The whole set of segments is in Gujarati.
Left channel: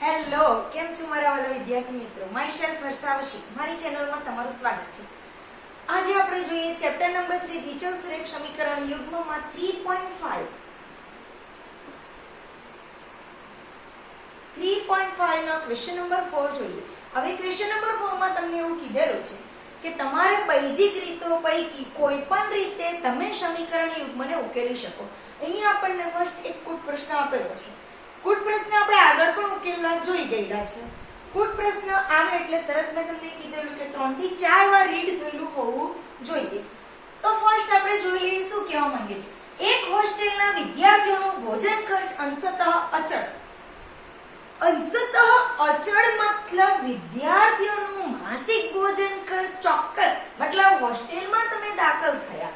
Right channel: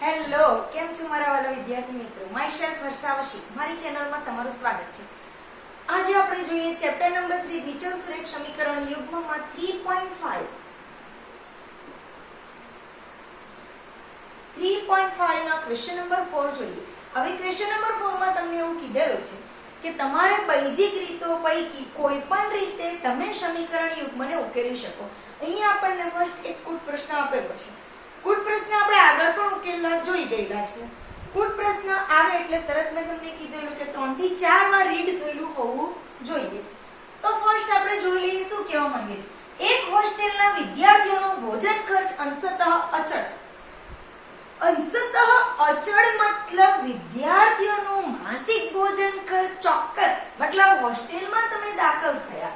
હેલો, કેમ છો મારા વાલા વિદ્યાર્થી મિત્રો? માય સેલ્ફ હર્ષાવશી, મારી ચેનલમાં તમારું સ્વાગત છે. આજે આપણે જોઈએ ચેપ્ટર નંબર 3 દ્વિચલ સુરેખ સમીકરણ યુગ્મમાં 3.5. 3.5 ના ક્વેશ્ચન નંબર 4 જોઈએ. હવે ક્વેશ્ચન નંબર 4 માં તમને એવું કીધેલું છે કે તમારે બૈજિક રીતો પૈકી કોઈ પણ રીતે તમે સમીકરણ યુગ્મને ઉકેલી શકો. અહીંયા આપણને ફર્સ્ટ એક કુટ પ્રશ્ન આપેલો છે. કુટ પ્રશ્ન આપણે આગળ પણ ઉકેલવા જોઈ ગયેલા છે. કુટ પ્રશ્ન આવે એટલે તરત મેં તમને કીધેલું કે 3 થી 4 વાર રીડ થયેલું હોવું જોઈએ. તો ફર્સ્ટ આપણે જોઈ લઈએ શું કહેવા માંગે છે. એક હોસ્ટેલના વિદ્યાર્થીઓનો ભોજન ખર્ચ અંશતઃ અચળ. અંશતઃ અચળ મતલબ વિદ્યાર્થીઓનું માસિક ભોજન ખર્ચ ચોક્કસ, મતલબ હોસ્ટેલમાં તમે દાખલ થયા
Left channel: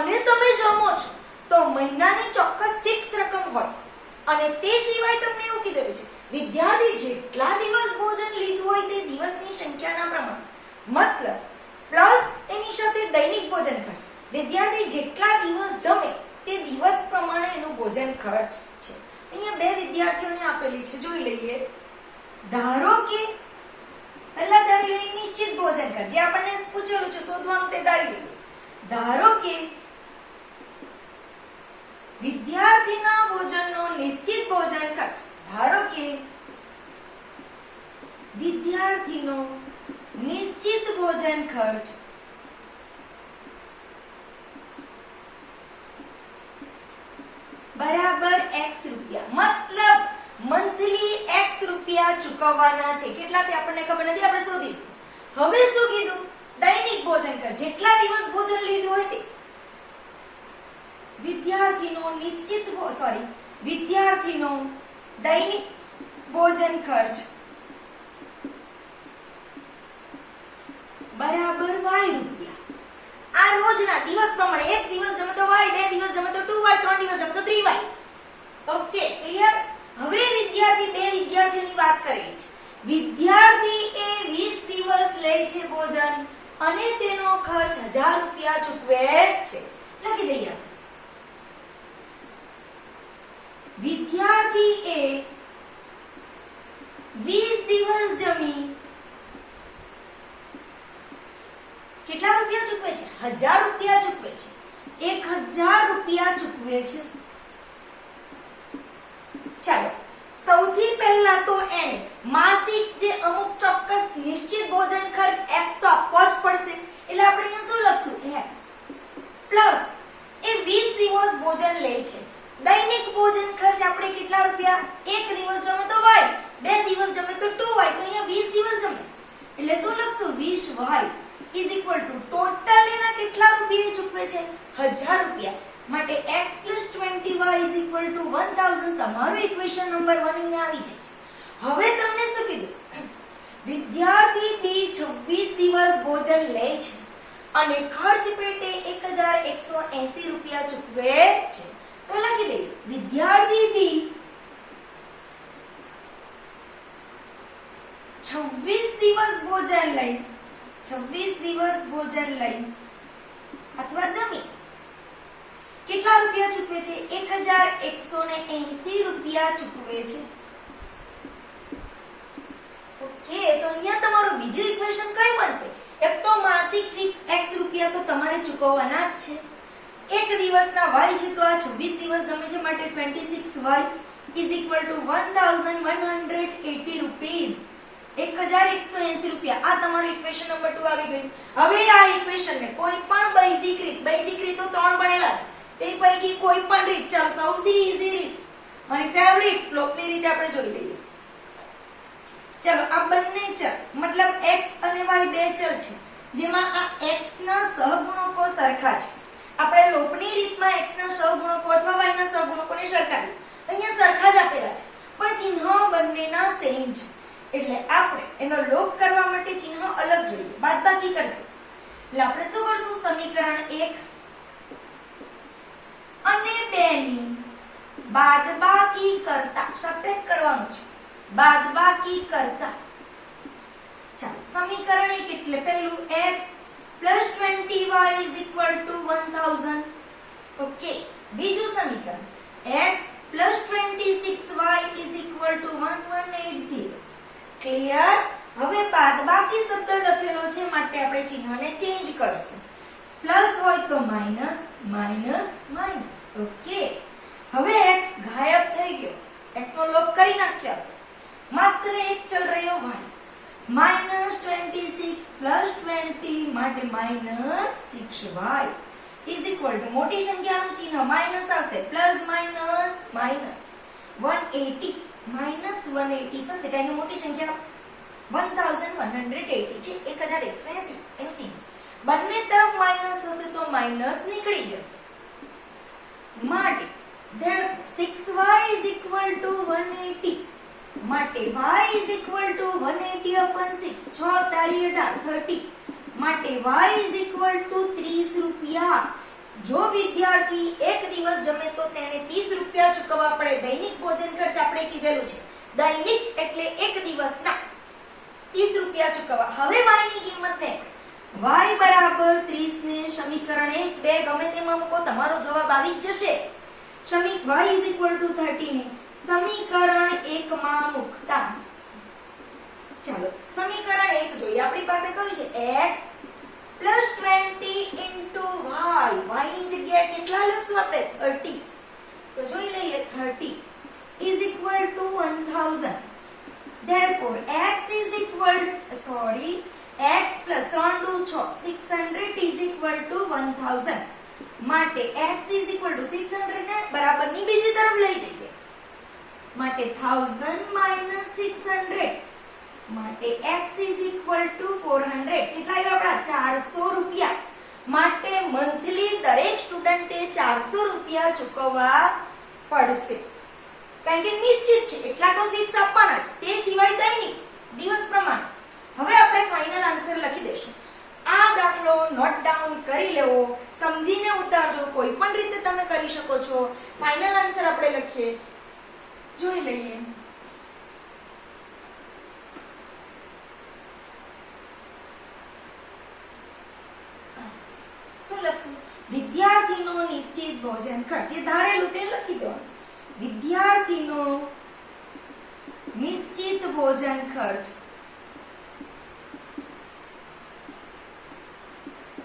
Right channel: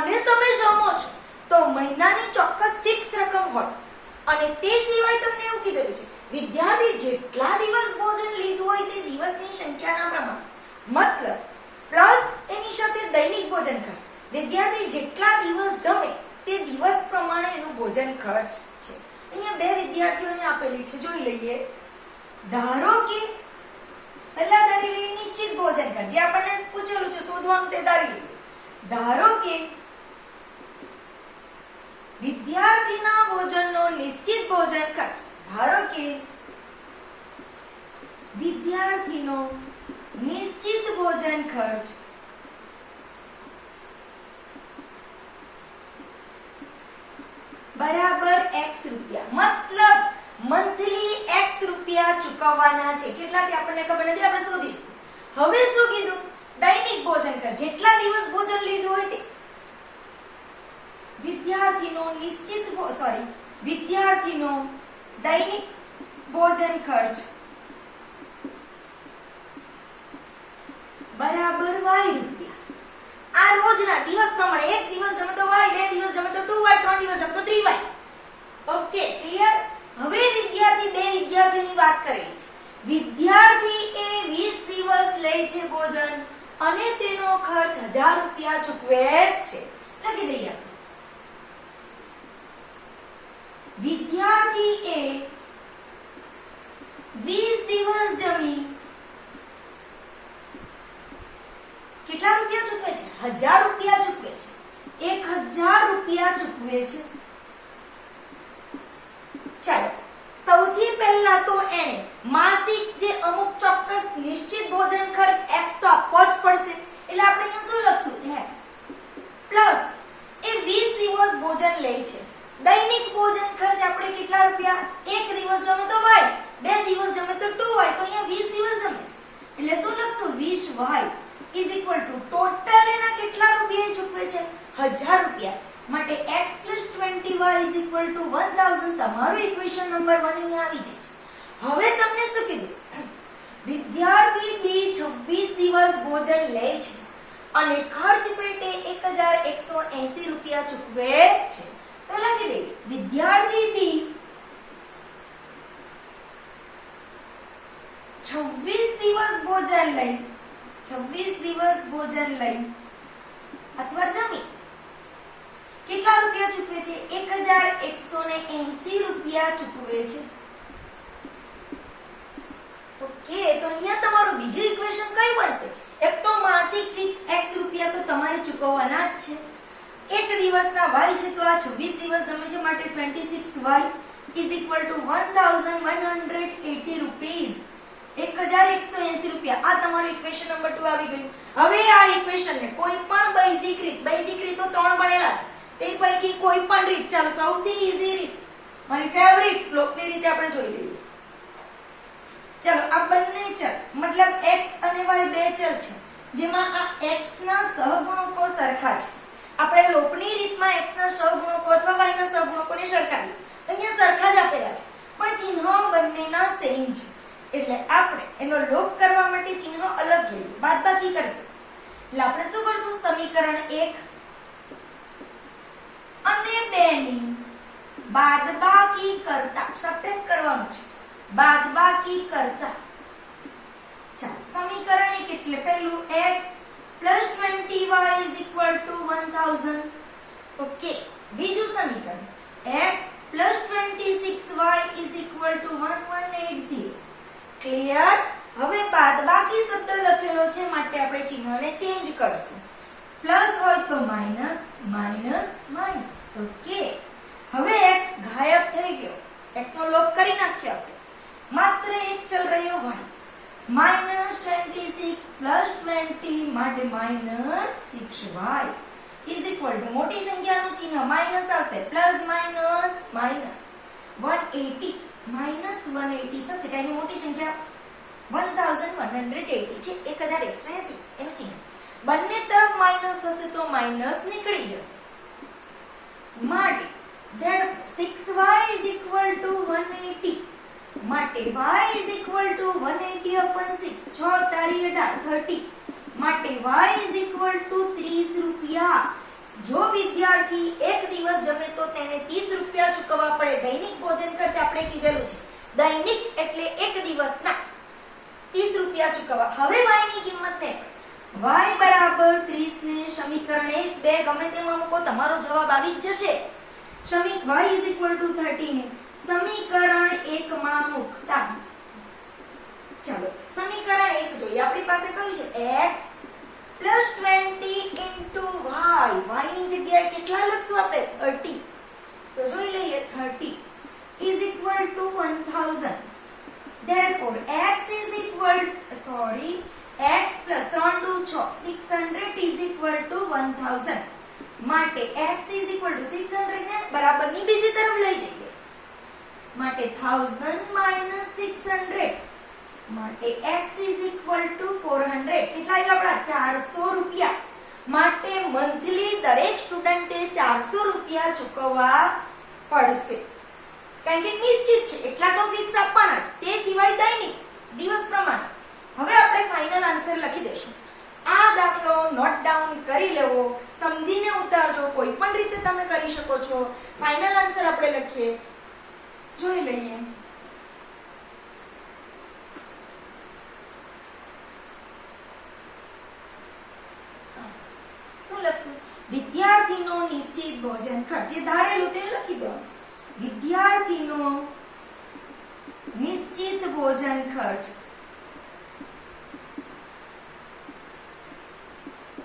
અને તમે જમો છો તો મહિનાની ચોક્કસ ફિક્સ રકમ હોય. અને તે સિવાય તમને એવું કીધેલું છે વિદ્યાર્થી જેટલા દિવસ ભોજન લીધું હોય તે દિવસની સંખ્યાના પ્રમાણે, મતલબ પ્લસ એની સાથે દૈનિક ભોજન ખર્ચ. વિદ્યાર્થી જેટલા દિવસ જમે તે દિવસ પ્રમાણે એનું ભોજન ખર્ચ છે. અહીંયા બે વિદ્યાર્થીઓને આપેલી છે, જોઈ લઈએ. ધારો કે પહેલા ધારી લઈએ નિશ્ચિત ભોજન ખર્ચ, જે આપણને પૂછેલું છે શોધવાનું તે ધારી લઈએ. ધારો કે વિદ્યાર્થીના ભોજનનો નિશ્ચિત ભોજન ખર્ચ, ધારો કે વિદ્યાર્થીનો નિશ્ચિત ભોજન ખર્ચ બરાબર x રૂપિયા, મતલબ મંથલી x રૂપિયા ચૂકવવાના છે. કેટલા તે આપણને ખબર નથી, આપણે શોધીશું. હવે શું કીધું? દૈનિક ભોજન ખર્ચ, જેટલા દિવસ ભોજન લીધું હોય તે. વિદ્યાર્થીનો દૈનિક ભોજન ખર્ચ બરાબર y રૂપિયા. આ રોજના દિવસ પ્રમાણે, એક દિવસ જમે તો y, બે દિવસ જમે તો 2y, ત્રણ દિવસ જમે તો 3y. Okay, clear? હવે બે વિદ્યાર્થીઓની વાત કરેલી છે. વિદ્યાર્થી એ 20 દિવસ લે છે ભોજન અને તેનો ખર્ચ 1000 રૂપિયા ચૂકવે છે. લખી દઈએ. વિદ્યાર્થી એ 20 દિવસ જમી કેટલા રૂપિયા ચૂકવે છે? 1000 રૂપિયા ચૂકવે છે. 1000 રૂપિયા ચૂકવે છે. ચાલો, સૌથી પહેલા તો એને માસિક જે અમુક ચોક્કસ નિશ્ચિત ભોજન ખર્ચ x તો આપવો જ પડશે. એટલે આપણે અહીંયા શું લખશું? x પ્લસ એ 20 દિવસ ભોજન લે છે. દૈનિક ભોજન ખર્ચ આપણે કેટલા રૂપિયા? એક દિવસ જમે તો y, બે દિવસ જમે તો 2y, તો અહીંયા 20 દિવસ જમે છે એટલે શું લખશું? 20y is equal two total એના કેટલા રૂપિયા ચૂકવે છે? 1000 રૂપિયા. માટે x 20y is equal two 1000. તમારું ઇક્વેશન નંબર 1 અહીંયા આવી જાય છે. હવે તમને શું કીધું? વિદ્યાર્થી બી 26 દિવસ ભોજન લે છે અને ખર્ચ પેટે 1180 રૂપિયા ચૂકવે છે. તો લખી દઈએ વિદ્યાર્થી બી 26 દિવસ ભોજન લઈ અથવા જમી કેટલા રૂપિયા ચૂકવે છે? 1180 રૂપિયા ચૂકવે છે. ઓકે, તો અહીંયા તમારું બીજું ઇક્વેશન કઈ બનશે? એક તો માસિક ફિક્સ x રૂપિયા તો તમારે ચૂકવવાના જ છે. એક દિવસના y છે તો આ 26 દિવસ જમે છે માટે 26y is equal to 1180 rupees. 1180 રૂપિયા. આ તમારું ઇક્વેશન નંબર 2 આવી ગયું. હવે આ ઇક્વેશનને કોઈ પણ બૈજિક રીતો 3 ભણેલા છે તે પૈકી કોઈ પણ રીત, ચાલો સૌથી ઈઝી રીત, મારી ફેવરિટ લોકની રીતે આપણે જોઈ લઈએ. ચાલો, આ બંને ચલ મતલબ x અને y બે ચલ છે જેમાં આ x ના સહગુણકો સરખા છે. આપણે લોપની રીતમાં x ના સહગુણકો અથવા y ના સહગુણકોને સરખાવીએ. અહીંયા સરખા જ આપેલા છે પણ ચિહ્નો બંનેના સેમ છે. એટલે આપણે એનો લોપ કરવા માટે ચિહ્ન અલગ જોઈએ, બાદબાકી કરશું. એટલે આપણે શું કરશું? સમીકરણ 1 અને 2 ની બાદબાકી કરતા, સબટ્રેક્ટ કરવાનું છે, બાદબાકી કરતા. ચાલો, સમીકરણ 1 એટલે પહેલું x plus 20y is equal to 1000. Okay, બીજું સમીકરણ x plus 26y is equal to 1180. Clear? હવે બાદબાકી શબ્દ લખેલો છે માટે આપણે ચિહ્નને ચેન્જ કરશું. પ્લસ હોય તો માઈનસ, માઈનસ, માઈનસ. ઓકે, હવે x ગાયબ થઈ ગયો. x નો લોપ કરી નાખ્યો આપણે. માત્ર એક ચલ રહ્યો y. -26 પ્લસ 20 માટે -6y ઇઝ ઇક્વલ ટુ મોટી સંખ્યાનું ચિહ્ન માઈનસ આવશે. પ્લસ માઈનસ માઈનસ 180 -180 થશે. તેની મોટી સંખ્યા 1180 છે. 1180 એનું ચિહ્ન. બંને તરફ માઈનસ હશે તો માઈનસ નીકળી જશે. માટે therefore 6y is equal to 180 માટે y is equal to 180 upon 6 6 તારી 18 30 માટે y is equal to 30 રૂપિયા. જો વિદ્યાર્થી એક દિવસ જમે તો તેને 30 રૂપિયા ચૂકવવા પડે. દૈનિક ભોજન ખર્ચ આપણે કીધેલું છે. દૈનિક એટલે એક દિવસના 30 રૂપિયા ચૂકવવા. હવે y ની કિંમત ને y બરાબર 30 ને સમીકરણ 1 2 ગમે તેમાં મૂકો તમારો જવાબ આવી જ જશે. y is equal to 30 ને સમીકરણ 1 માં મૂકતા ચાલો સમીકરણ 1 જોઈએ. આપણી પાસે કયું છે x plus 20 into y. y ની જગ્યાએ કેટલા લખશું આપણે 30. તો જોઈ લઈએ 30 is equal to 1000. therefore x is equal x plus 3 2 6 600 is equal to 1000 માટે x is equal to 600 ને બરાબરની બીજી તરફ લઈ જઈએ માટે 1000 minus 600 માટે x is equal to 400. કેટલા આવ્યા આપણા 400 રૂપિયા. માટે મંથલી દરેક સ્ટુડન્ટે 400 રૂપિયા ચૂકવવા પડશે. કારણ કે નિશ્ચિત છે એટલા તો ફિક્સ આપવાના જ. તે સિવાય દૈનિક દિવસ પ્રમાણે. હવે આપણે ફાઇનલ આન્સર લખી દઈશું. આ દાખલો નોટ ડાઉન કરી લેવો, સમજીને ઉતારજો. કોઈ પણ રીતે તમે કરી શકો છો. ફાઇનલ આન્સર આપણે લખીએ, જોઈ લઈએ. શું લખશું? વિદ્યાર્થીનો નિશ્ચિત ભોજન ખર્ચ. જે ધારેલું તે લખી દો. વિદ્યાર્થીનો નિશ્ચિત ભોજન ખર્ચ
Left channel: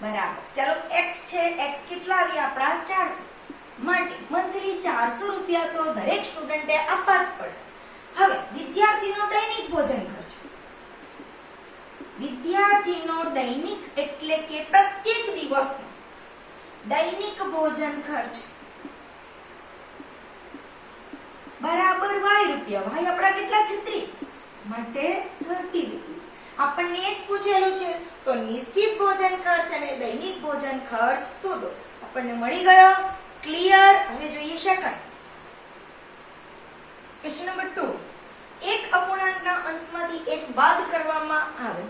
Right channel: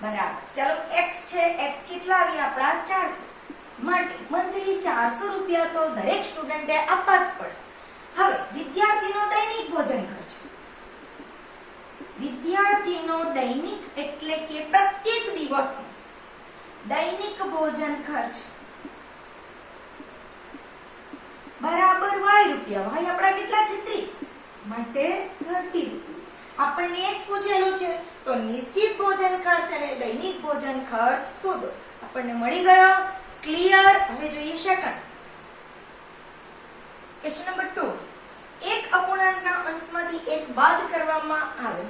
બરાબર. ચાલો x છે, x કેટલા આવી આપણા 400 માટે મંથલી 400 રૂપિયા તો દરેક સ્ટુડન્ટે આપવા જ પડશે. હવે વિદ્યાર્થીનો દૈનિક ભોજન ખર્ચ. વિદ્યાર્થીનો દૈનિક એટલે કે પ્રત્યેક દિવસનો દૈનિક ભોજન ખર્ચ બરાબર y રૂપિયા. y આપણા કેટલા છે 30 માટે 30 રૂપિયા. આપણને એ જ પૂછેલું છે તો નિશ્ચિત ભોજન ખર્ચ અને દૈનિક ભોજન ખર્ચ શોધો. આપણને મળી ગયો. ક્લિયર? હવે જોઈએ સેકન્ડ ક્વેશ્ચન નંબર 2. એક અપૂર્ણાંકના અંશમાંથી એક બાદ કરવામાં આવે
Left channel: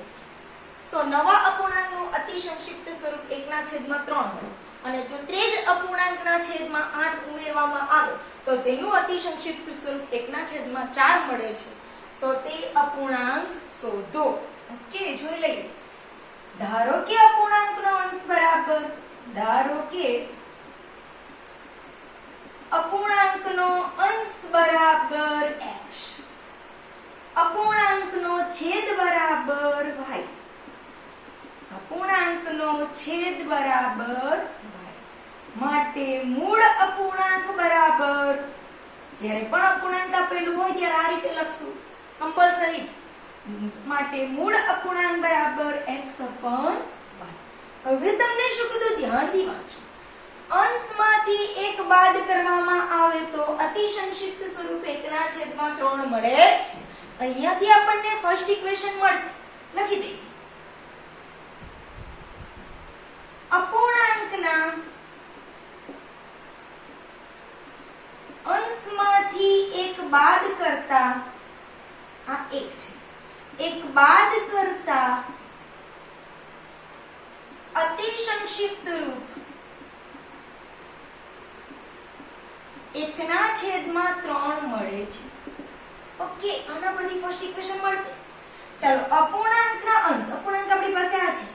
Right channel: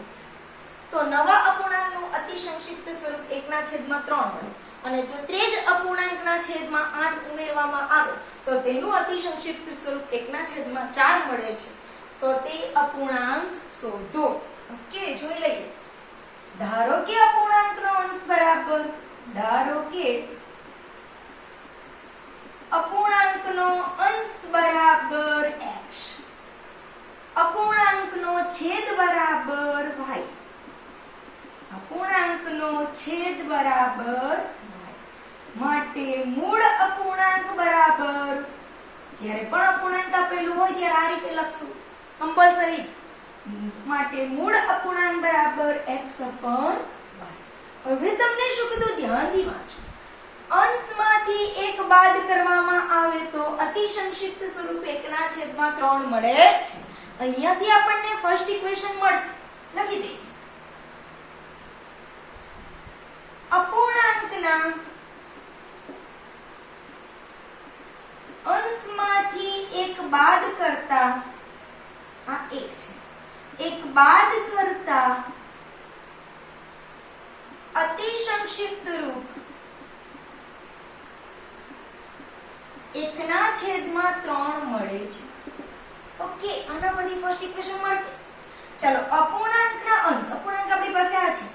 તો નવા અપૂર્ણાંકનું અતિ સંક્ષિપ્ત સ્વરૂપ 1/3 મળે અને જો તે જ અપૂર્ણાંકના છેદમાં 8 ઉમેરવામાં આવે તો તેનું અતિ સંક્ષિપ્ત સ્વરૂપ 1/4 મળે છે. તો તે અપૂર્ણાંક શોધો. ઓકે, જોઈ લઈએ. ધારો કે અપૂર્ણાંકનો અંશ બરાબર x, અપૂર્ણાંકનો છેદ બરાબર y, અપૂર્ણાંકનો છેદ બરાબર y માટે મૂળ અપૂર્ણાંક બરાબર. જ્યારે પણ અપૂર્ણાંક આપેલું હોય ત્યારે આ રીતે લખશું કમ્પલસરી જ. માટે મૂળ અપૂર્ણાંક બરાબર x upon y. હવે તમને શું કીધું ધ્યાનથી વાંચો. અંશમાંથી એક બાદ કરવામાં આવે તો અતિ સંક્ષિપ્ત સ્વરૂપ 1/3 મળે છે. અહીંયાથી આપણને ફર્સ્ટ ઇક્વેશન મળશે. લખી દઈએ. અપૂર્ણાંકના અંશમાંથી એક બાદ કરતા આ એક છે. એક બાદ કરતા અતિ સંક્ષિપ્ત રૂપ 1/3 મળે છે. ઓકે, આના પરથી ફર્સ્ટ ઇક્વેશન મળશે. ચાલો અપૂર્ણાંકના અંશ, અપૂર્ણાંક આપણી પાસે આ છે,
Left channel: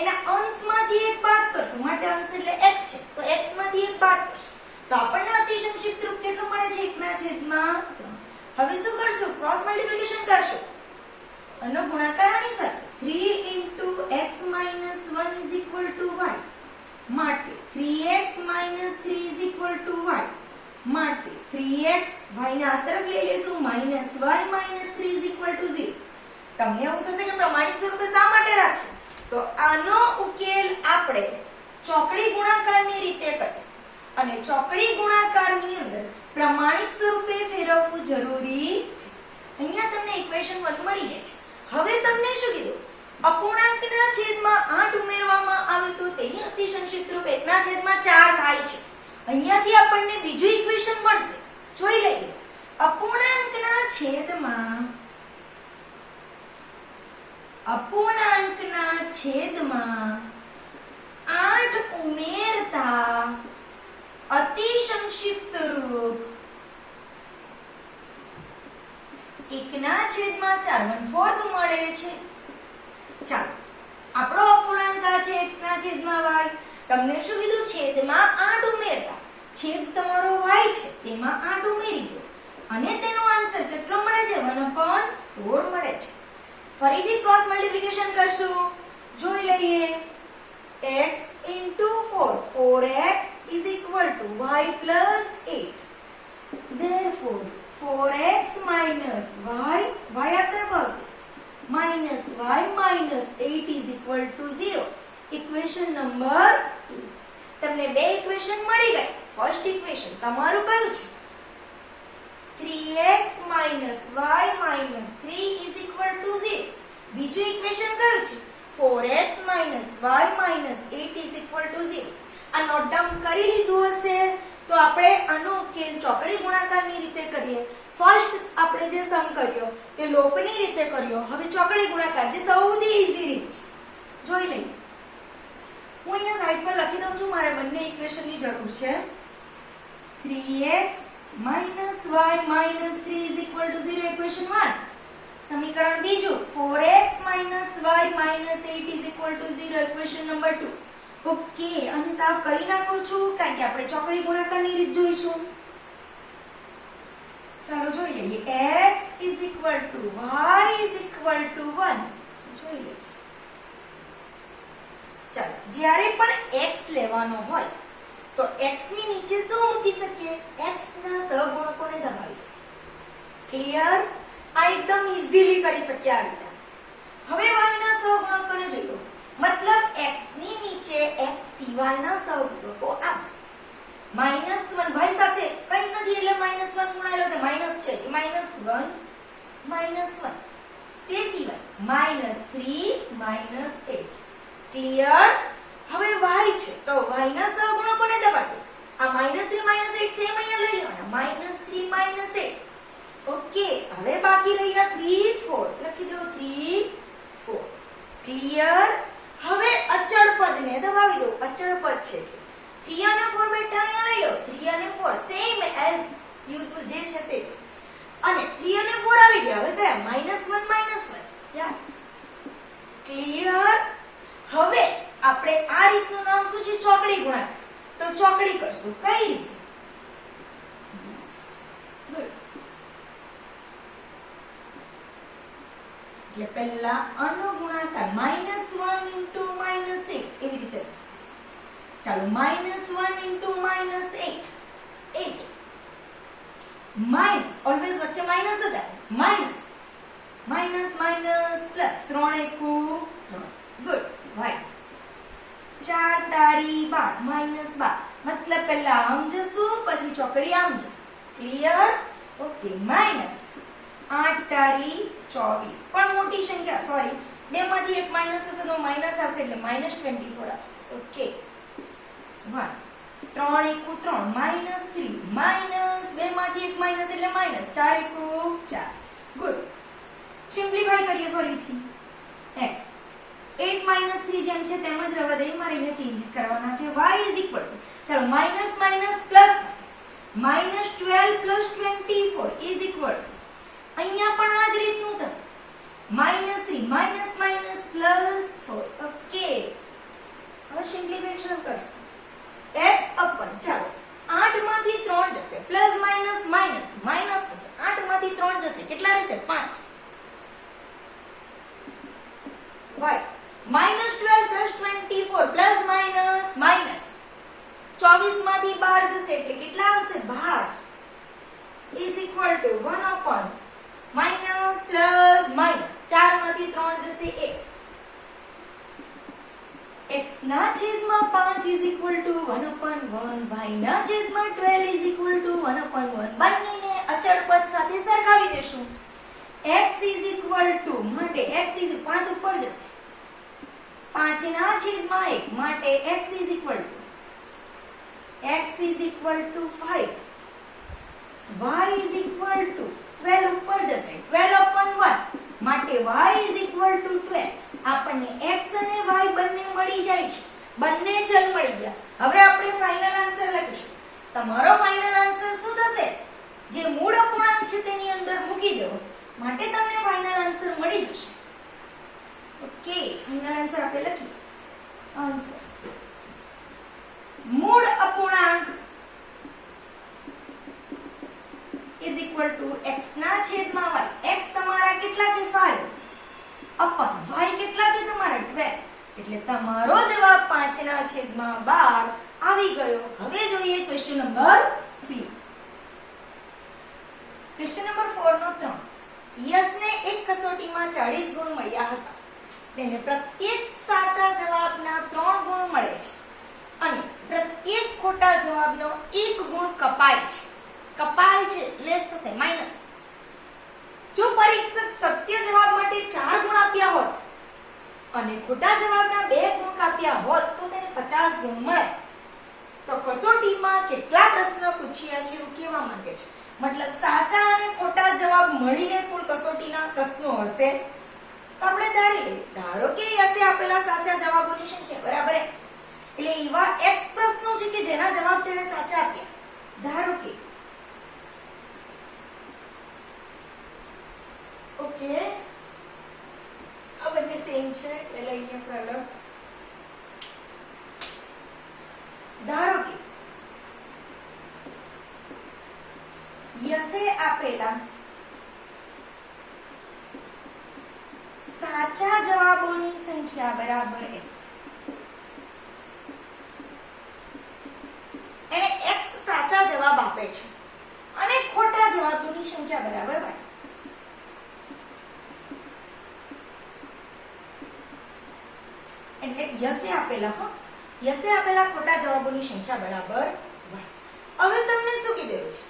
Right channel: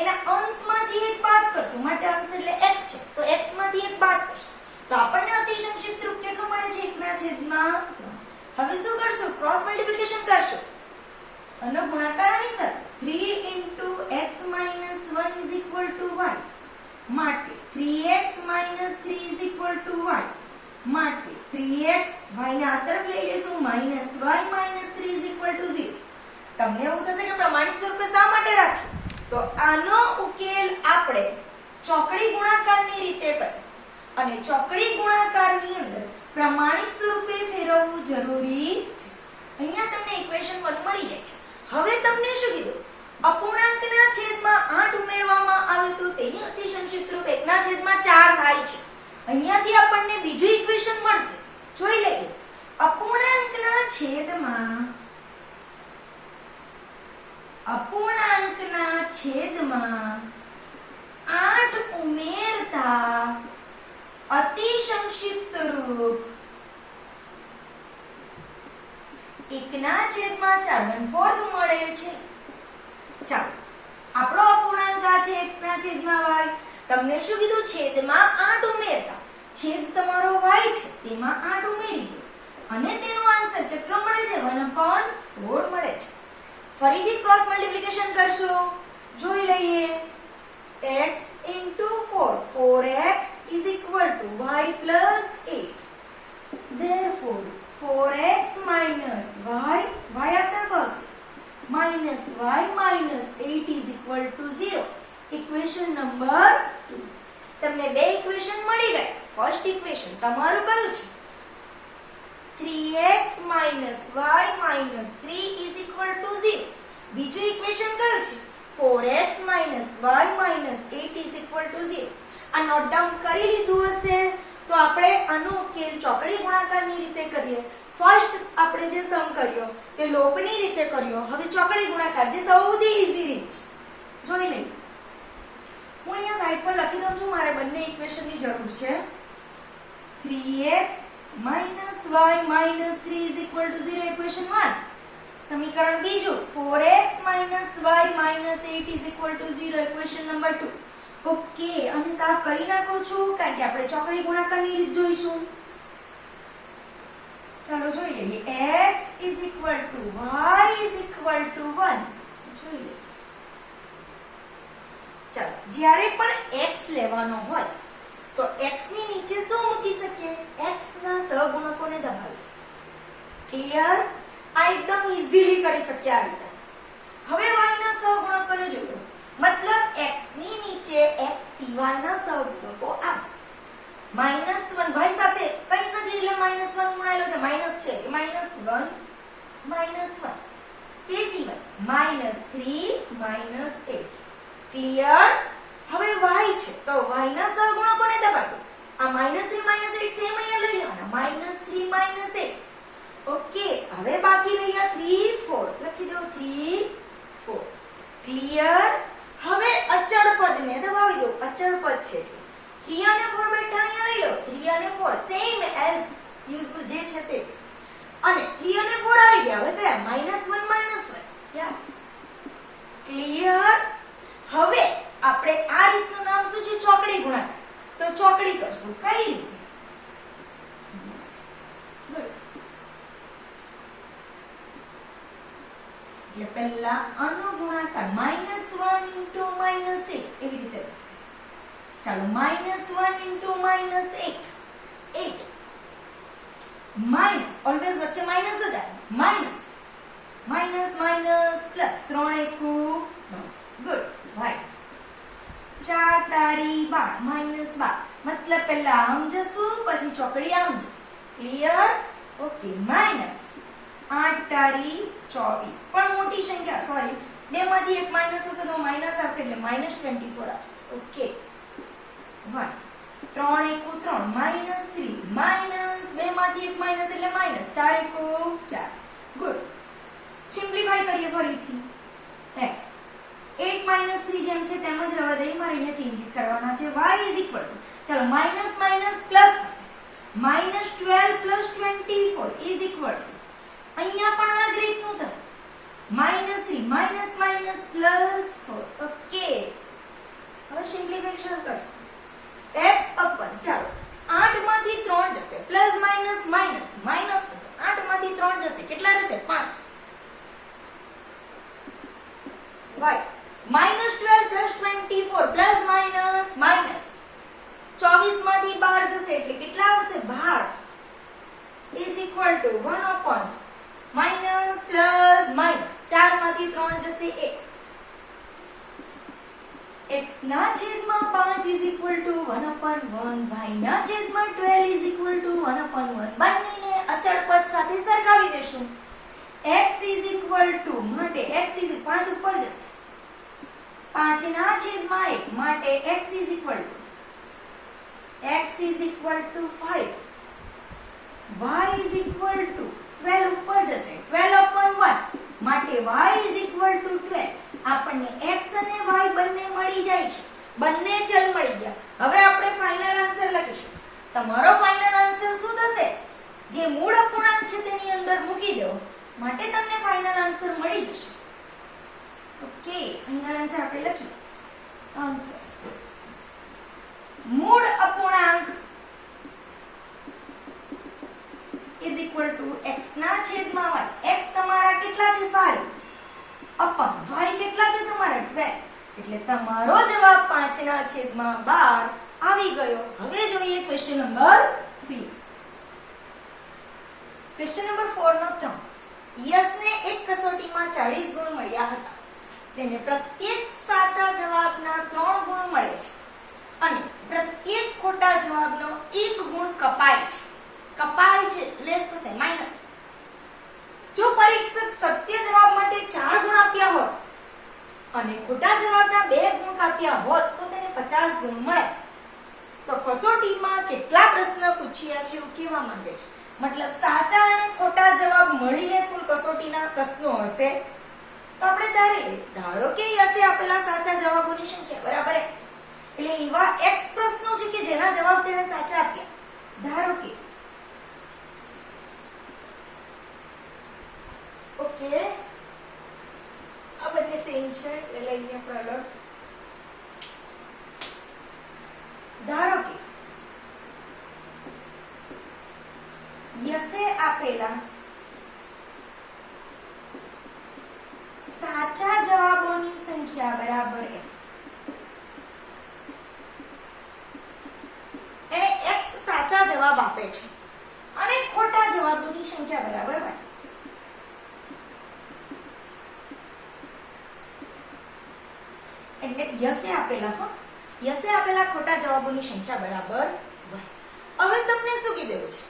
એના અંશમાંથી એક બાદ કરશું. માટે અંશ એટલે x છે તો x માંથી એક બાદ કરશું તો આપણને અતિ સંક્ષિપ્ત રૂપ કેટલું મળે છે 1/3. હવે શું કરશું? ક્રોસ મલ્ટીપ્લિકેશન કરશું અને ગુણાકારની સાથે 3 into x minus 1 is equal to y માટે 3x minus 3 is equal to y માટે 3x y ના આ તરફ લઈ લેશું minus y minus 3 is equal to 0. તમને એવું થશે કે પ્રમાણિત સ્વરૂપે શા માટે રાખ્યું? તો આનો ઉકેલ આપણે ચોકડી ગુણાકારની રીતે કરીશું અને ચોકડી ગુણાકારની અંદર પ્રમાણિત સ્વરૂપે ફેરવવું જરૂરી છે. અહીંયા તમને ઇક્વેશન 1 મળી જાય છે. હવે તમને શું કીધું? અપૂર્ણાંકના છેદમાં 8 ઉમેરવામાં આવે તો તેની અતિ સંક્ષિપ્ત રૂપ 1/4 થાય છે. અહીંયાથી આપણને બીજું ઇક્વેશન મળશે. જોઈ લઈએ. અપૂર્ણાંકના છેદમાં 8 ઉમેરતા અતિ સંક્ષિપ્ત રૂપ 1/4 મળે છે. ચાલો, આપણો અપૂર્ણાંક આ છે x ના છેદમાં y. તમને શું કીધું? છેદમાં 8 ઉમેરતા. છેદ તમારો y છે, તેમાં 8 ઉમેરી દો અને તેનો આન્સર કેટલો મળે છે? 1/4 મળે છે. ફરીથી ક્રોસ મલ્ટીપ્લિકેશન કરશું. જોઈ લઈએ. x into 4 4x is equal to y plus 8. Therefore 4x minus y આ તરફ આવશે minus y minus 8 is equal to 0. Equation number 2. તમને બે ઇક્વેશન મળી ગઈ. ફર્સ્ટ ઇક્વેશન તમારું કયું છે? 3x minus y minus 3 is equal to 0. બીજું ઇક્વેશન કયું છે? 4x minus y minus 8 is equal to 0. આ નોટ ડાઉન કરી લીધું હશે તો આપણે આનો ઉકેલ ચોકડી ગુણાકારની રીતે કરીએ. ફર્સ્ટ આપણે જે સમ કર્યો કે લોપની રીતે કર્યો, હવે ચોકડી ગુણાકાર જે સૌથી ઈઝી રીત છે. જોઈ લઈએ. હું અહીંયા સાઈડ પર લખી દઉં છું. મારે બંને ઇક્વેશનની જરૂર છે. 3x minus y minus 3 is equal to 0 equation 1. સમીકરણ બીજું 4x minus y minus 8 is equal to 0 equation number 2. Okay, અને સાફ કરી નાખું છું કારણ કે આપણે ચોકડી ગુણાકારની રીત જોઈશું. ચાલો જોઈ લઈએ. x is equal to y is equal to 1. જોઈ લઈએ. ચાલો, જ્યારે પણ x લેવાનો હોય તો x ની નીચે શું મૂકી શકીએ? x ના સહગુણકોને દબાવીએ. ક્લિયર? આ એકદમ ઈઝીલી કરી શકીએ આ રીતે. હવે y ના સહગુણકોને જોયો, મતલબ x ની નીચે x સિવાયના સહગુણકો આવશે. -1 ભાઈ સાથે કઈ નથી એટલે -1 ગુણાયેલો છે, માઈનસ છે કે -1 -1. તે સિવાય -3 -8. ક્લિયર? હવે y છે તો y ના સહગુણકોને દબાવો. આ -3 -8 સેમ અહીંયા લઈ લેવાના. -3 -8. ઓકે, હવે બાકી રહ્યા 3 4. લખી દો 3 4. ક્લિયર? હવે અચળ પદને દબાવી દો. અચળ પદ છે 3 અને 4 બેઠા અહીંયા લઈ લો. 3 અને 4 સેમ એઝ યુઝ્યુઅલ જે છે તે જ. અને 3 અને 4 આવી ગયા. હવે કયા? -1 -1. યસ. ક્લિયર? હવે આપણે આ રીતનું નામ શું છે? ચોકડી ગુણાકાર. તો ચોકડી કરશું. કઈ રીતે? એટલે પહેલા આનો ગુણાકાર -1 into -8 એવી રીતે થશે. ચાલો, -1 into -8 8 માઇનસ ઓલવેઝ વચ્ચે માઇનસ જ આવે. માઇનસ માઇનસ માઇનસ પ્લસ 3 એકુ 3. ગુડ. વાય 4 તારી 12 -12. મતલબ પહેલા આમ જશું પછી ચોકડી આમ જશે. ક્લિયર? ઓકે. માઇનસ 8 તારી 24. પણ મોટી સંખ્યા, સોરી, બે માંથી એક માઇનસ હશે તો માઇનસ આવશે એટલે -24 આવશે. ઓકે. 1 3 એકુ 3 -3 માઇનસ બે માંથી એક માઇનસ એટલે માઇનસ 4 એકુ 4. ગુડ. સિમ્પ્લિફાય કરીએ ફરીથી. x 8 -3 જેમ છે તેમ જ રહેવા દઈએ. મારે અહીંયા ચેન્જીસ કરવાના છે. y ઇઝ ઇક્વલ ટુ, ચલો માઇનસ માઇનસ પ્લસ થશે. -12 + 24 ઇઝ ઇક્વલ ટુ, અહીંયા પણ આ જ રીતનું થશે. -3 માઇનસ માઇનસ પ્લસ 4. ઓકે. હવે સિમ્પ્લિફિકેશન કરશું. x અપન, ચાલો 8 માંથી 3 જશે, પ્લસ માઇનસ માઇનસ માઇનસ થશે. 8 માંથી 3 5 y -12 + 24 પ્લસ માઇનસ માઇનસ 24 માંથી 12 જશે એટલે કેટલા આવશે 12 is equal two 1 upon minus plus minus 4 માંથી 3 જશે 1 x ના છેદમાં 5 is equal two 1 upon 1 y ના છેદમાં 12 ઇઝ ઇક્વલ ટુ 1 upon 1 બંનેને અચળ પદ સાથે સરખાવી દેશું x ઇઝ ઇક્વલ ટુ માટે x ઇઝ 5 ઉપર જશે 5 ના છેદમાં 1 માટે x is equal two 5 y is equal two 12 ઉપર જશે 12 upon 1 માટે y ઇઝ ઇક્વલ ટુ 12 આપણને x અને y બંને મળી જાય છે બંને ચલ મળી ગયા હવે આપણે ફાઇનલ આન્સર લખીશું તમારો ફાઇનલ આન્સર શું થશે જે મૂળ અપૂર્ણાંક છે તેની અંદર મૂકી દેવો માટે તમને ફાઇનલ આન્સર મળી જશે ઓકે ફાઇનલ આન્સર આપણે લખીએ આન્સર મૂળ અપૂર્ણાંક ઇઝ ઇક્વલ ટુ x ના છેદમાં y x તમારા કેટલા છે 5 અપન y કેટલા છે તમારા 12 એટલે તમારો જવાબ 5 ના છેદમાં 12 આવી ગયો હવે જોઈએ ક્વેશ્ચન નંબર 3 ક્વેશ્ચન નંબર 4 નો 3 યશને એક કસોટીમાં 40 ગુણ મળ્યા હતા તેને પ્રત્યેક સાચા જવાબના 3 ગુણ મળે છે અને પ્રત્યેક ખોટા જવાબનો 1 ગુણ કપાય છે લેસ થશે માઈનસ જો પરીક્ષક સત્ય જવાબ માટે 4 ગુણ આપ્યા હોત અને ખોટા જવાબના 2 ગુણ કાપ્યા હોત તો તેને 50 ગુણ મળે તો કસોટીમાં કેટલા પ્રશ્ન પૂછ્યા છે એવું કહેવા માંગે છે મતલબ સાચા અને ખોટા જવાબ મળીને કુલ કસોટીના પ્રશ્નો હશે તો આપણે ધારો કે યશે આપેલા સાચા જવાબોની સંખ્યા બરાબર x એટલે એવા x પ્રશ્નો છે કે જેના જવાબ તેણે સાચા આપ્યા ધારો કે ઓકે આ બંને સેમ છે એટલે લઈને આપણે આગળ ધારો કે યશે આપેલા સાચા જવાબોની સંખ્યા બરાબર x એને x સાચા જવાબ આપે છે અને ખોટા જવાબોની સંખ્યા બરાબર y એટલે યશે આપેલા ખોટા જવાબોની સંખ્યા બરાબર y હવે તમને શું કીધું છે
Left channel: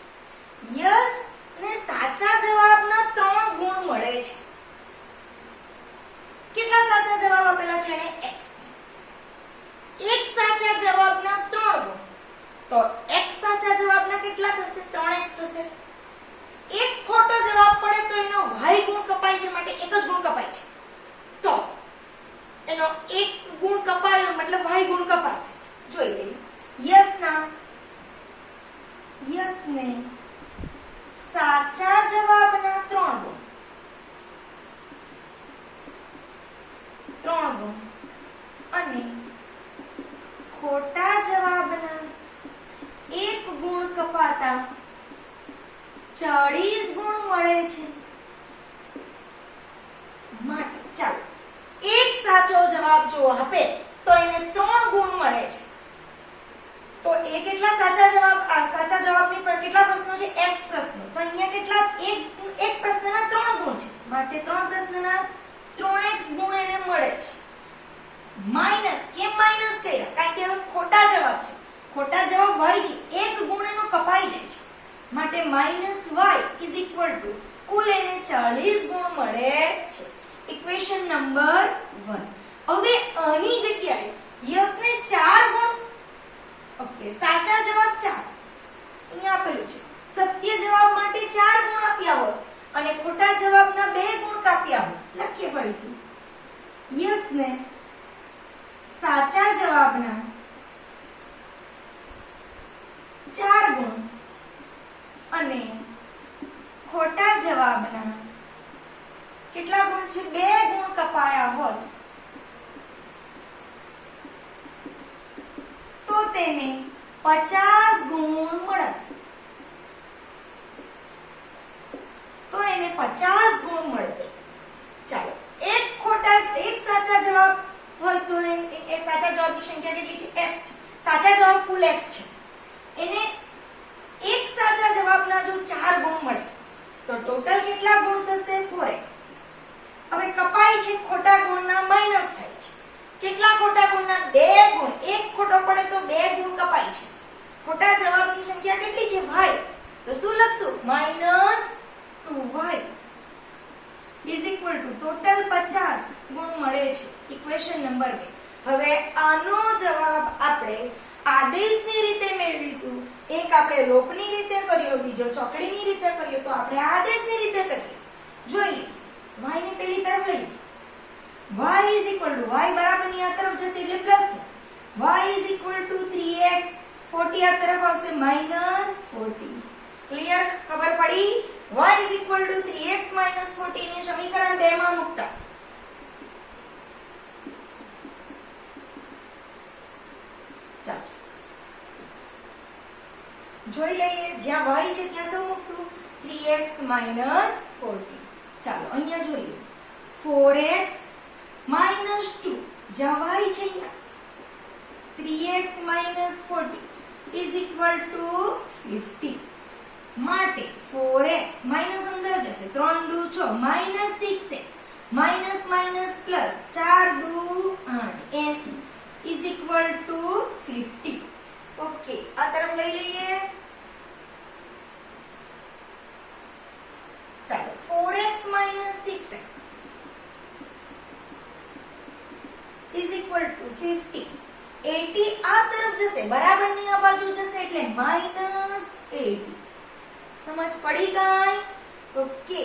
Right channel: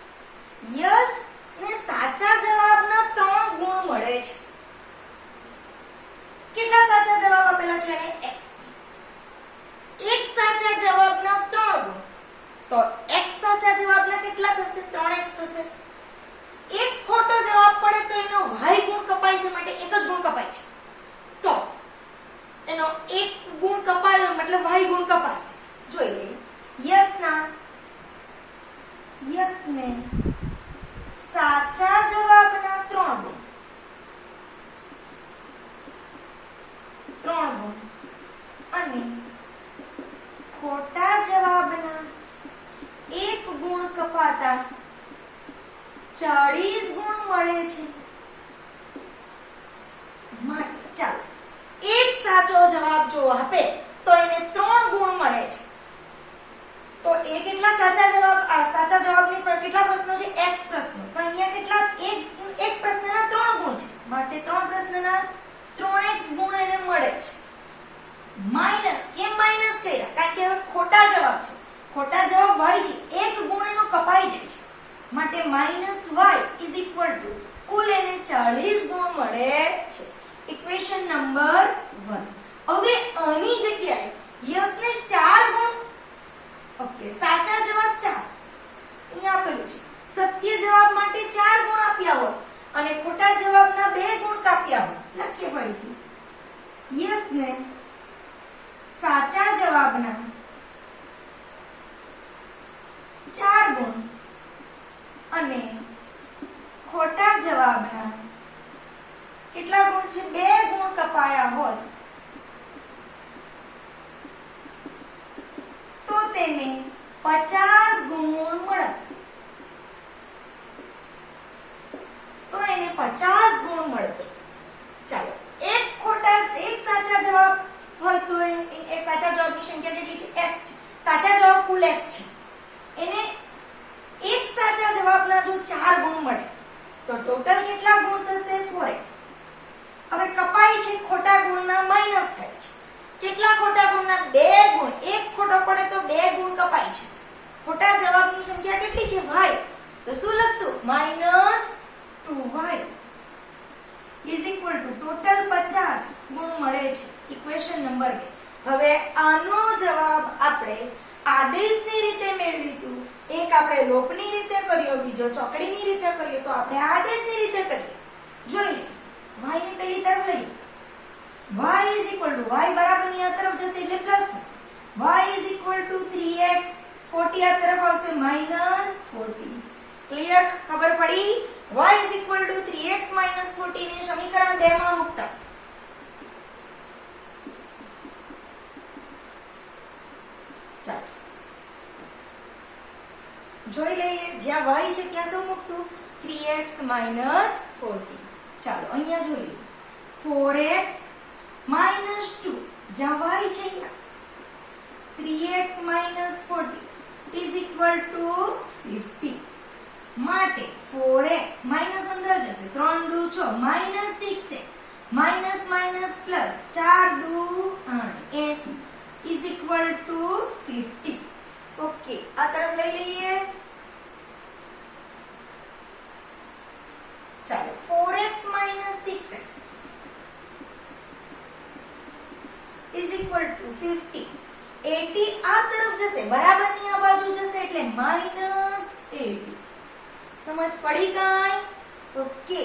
યશ ને સાચા જવાબના 3 ગુણ મળે છે કેટલા સાચા જવાબ આપેલા છે એને x એક સાચા જવાબના 3 ગુણ તો x સાચા જવાબના કેટલા થશે 3x થશે એક ખોટો જવાબ પડે તો એનો y ગુણ કપાય છે માટે એક જ ગુણ કપાય છે તો એનો એક ગુણ કપાયો મતલબ y ગુણ કપાશે જોઈ લઈએ યશને સાચા જવાબના 3 ગુણ અને ખોટા જવાબના 1 ગુણ કપાતા 40 ગુણ મળે છે માટે ચાલો એક સાચો જવાબ જો આપે તો એને 3 ગુણ મળે છે તો એ કેટલા સાચા જવાબની પર કેટલા પ્રશ્નો છે x પ્રશ્નો તો અહીંયા કેટલા એક પ્રશ્નના 3 ગુણ છે માટે 3 પ્રશ્નના 3x ગુણ એને મળે છે માઈનસ કેમ માઈનસ કર્યા કારણ કે હવે ખોટા જવાબ છે ખોટા જવાબ y છે એક ગુણ એનો કપાઈ જાય છે માટે minus y is equal to કુલ એને 40 ગુણ મળે છે ઇક્વેશન નંબર 1 હવે આની જગ્યાએ યશને 4 ગુણ ઓકે સાચા જવાબ 4 અહીંયા આપેલું છે સત્ય જવાબ માટે 4 ગુણ આપ્યા હોય અને ખોટા જવાબના 2 ગુણ કાપ્યા હોય લખીએ ફરીથી યશને સાચા જવાબના 4 ગુણ અને ખોટા જવાબના કેટલા ગુણ છે 2 ગુણ કપાયા હોત તો તેને 50 ગુણ મળત તો એને એને 50 ગુણ મળતે. ચાલો એક સાચા જવાબ હોય તો એ સાચા જવાબની સંખ્યા કેટલી છે? x છે. સાચા જવાબ કુલ x છે. એને એક સાચા જવાબના જો 4 ગુણ મળે તો ટોટલ કેટલા ગુણ થશે? 4x. હવે કપાઈ છે ખોટા ગુણના માઈનસ થાય છે. કેટલા ખોટા ગુણના? 2 ગુણ. એક ખોટો પડે તો 2 ગુણ કપાય છે. ખોટા જવાબની સંખ્યા કેટલી છે? y. તો શું લખશું? -2y is equal to total 50 ગુણ મળે છે. Equation number 2. હવે આનો જવાબ આપણે આદેશની રીતે મેળવીશું. એક આપણે લોપની રીતે કર્યો, બીજો ચોકડીની રીતે કર્યો, તો આપણે આદેશની રીતે કરીએ. જોઈ લઈએ. y ને પેલી તરફ લઈએ. y is equal to y બરાબરની આ તરફ જશે એટલે પ્લસ થશે. y is equal to 3x 40 આ તરફ આવશે -40. ક્લિયર? ખબર પડી? y is equal to 3x -40 ને સમીકરણ 2 માં મૂકતા ચાલો જોઈ લઈએ. જ્યાં y છે ત્યાં શું મૂકશું? 3x -40. ચાલો અહીંયા જોઈએ. 4x -2 જ્યાં y છે 3x -40 is equal to 50. માટે 4x માઈનસ અંદર જશે 3 દુ 6 -6x માઈનસ માઈનસ પ્લસ 4 દુ 8 80 is equal to 50. ઓકે, આ તરફ લઈ લઈએ. ચાલો 4x -6x is equal to 50. 80 આ તરફ જશે, બરાબરની આ બાજુ જશે એટલે -80. સમજ પડી ગઈ? ઓકે,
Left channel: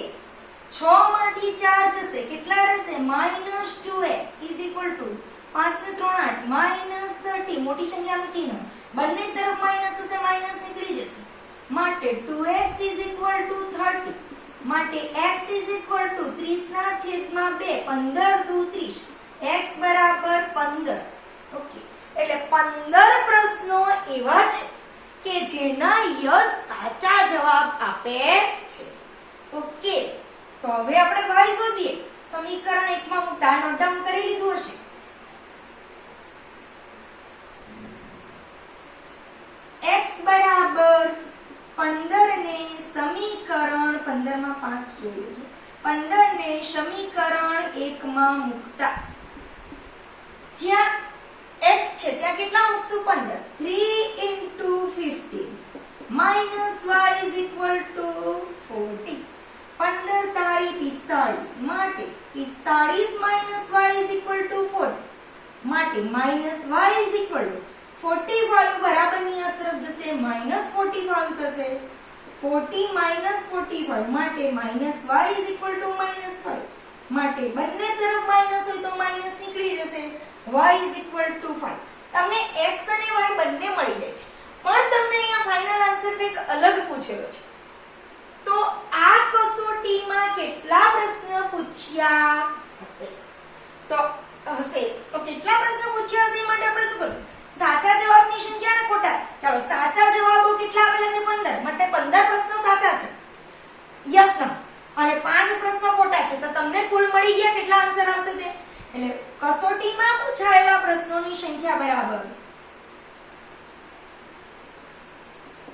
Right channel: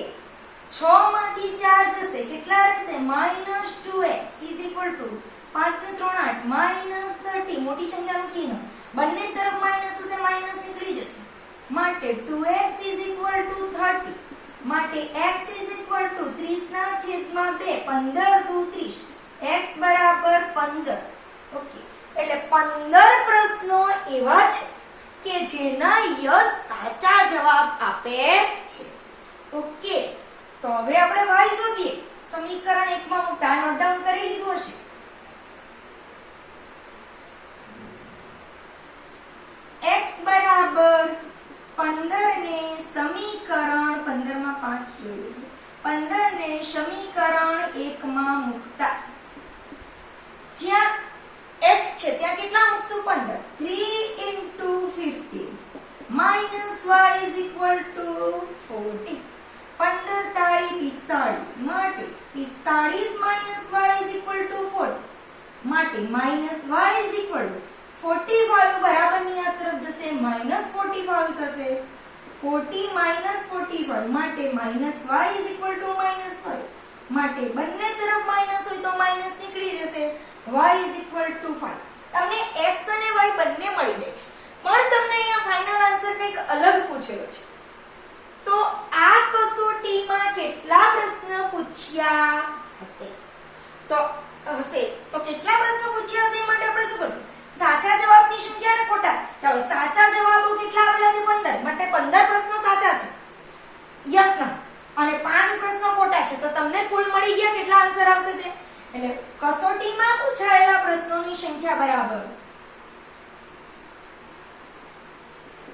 6 માંથી 4 જશે, કેટલા રહેશે? -2x is equal to 5 ને 3 8 -30. મોટી સંખ્યાનું ચિહ્ન બંને તરફ માઈનસ હશે, માઈનસ નીકળી જશે. માટે 2x is equal to 30. માટે x is equal to 30 ના છેદમાં 2 15 દુ 30 x બરાબર 15. ઓકે, એટલે 15 પ્રશ્નો એવા છે કે જેના યસ સાચા જવાબ આપે છે. ઓકે, તો હવે આપણે y શોધીએ. સમીકરણ 1 માં હું નોટ ડાઉન કરી લીધું હશે. x બરાબર 15 ને સમીકરણ 15 માં 5 જોયું છે. 15 ને સમીકરણ 1 માં મૂકતા જ્યાં x છે ત્યાં કેટલા મૂકશું? 15. 3 into 15 minus y is equal to 40. 15 તારી 45 માટે 45 minus y is equal to 40. માટે minus y is equal to 45 બરાબરની આ તરફ જશે -45 થશે. 40 minus 45 માટે minus y is equal to -5. માટે બંને તરફ માઈનસ હોય તો માઈનસ નીકળી જશે. y is equal to 5. તમને x અને y બંને મળી જાય છે, પણ તમને અહીંયા ફાઇનલ આન્સર કંઈક અલગ પૂછેલો છે. તો આ કસોટીમાં કેટલા પ્રશ્ન પૂછ્યા હશે? તો કેટલા પ્રશ્ન પૂછ્યા હશે એ માટે આપણે શું કરશું? સાચા જવાબની સંખ્યા અને ખોટા. ચાલો, સાચા જવાબો કેટલા આપેલા છે? 15. માટે 15 પ્રશ્નો સાચા છે, યસ ના, અને 5 પ્રશ્નો ખોટા છે. તો તમને કુલ મળી ગયા કેટલા આન્સર આવશે તે? એટલે કસોટીમાં પૂછાયેલા પ્રશ્નોની સંખ્યા બરાબર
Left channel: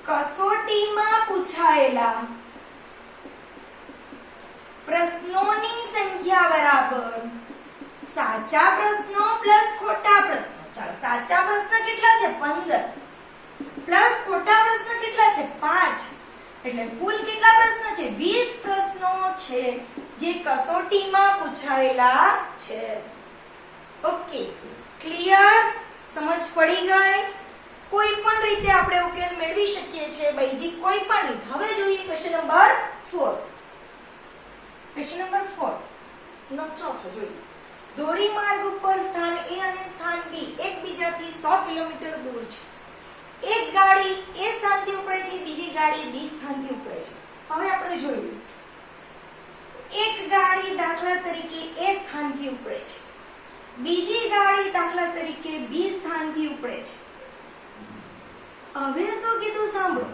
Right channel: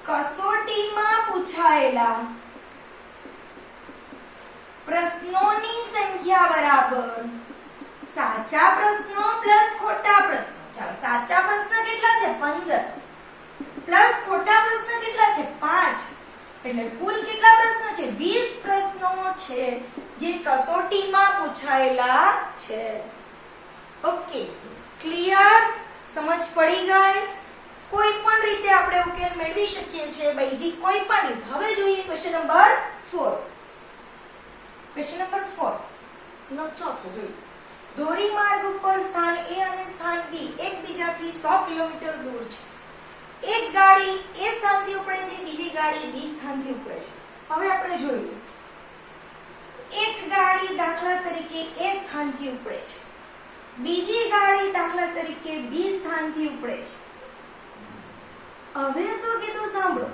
કસોટીમાં પૂછાયેલા પ્રશ્નોની સંખ્યા બરાબર સાચા પ્રશ્નો પ્લસ ખોટા પ્રશ્નો. ચાલો, સાચા પ્રશ્ન કેટલા છે? 15 પ્લસ ખોટા પ્રશ્ન કેટલા છે? 5. એટલે કુલ કેટલા પ્રશ્નો છે? 20 પ્રશ્નો છે જે કસોટીમાં પૂછાયેલા છે. Okay, clear? સમજ પડી ગઈ? કોઈ પણ રીતે આપણે ઉકેલ મેળવી શકીએ છીએ, બીજી કોઈ પણ રીત. હવે જોઈએ ક્વેશ્ચન નંબર 4. ક્વેશ્ચન નંબર 4 નો ચોથો જોઈએ. ધોરીમાર્ગ ઉપર સ્થાન A અને સ્થાન B એકબીજાથી 100 કિલોમીટર દૂર છે. એક ગાડી A સ્થાનથી ઉપડે છે, બીજી ગાડી B સ્થાનથી ઉપડે છે. હવે આપણે જોઈએ. એક ગાડી દાખલા તરીકે A સ્થાનથી ઉપડે છે, બીજી ગાડી દાખલા તરીકે B સ્થાનથી ઉપડે છે. હવે શું કીધું સાંભળો.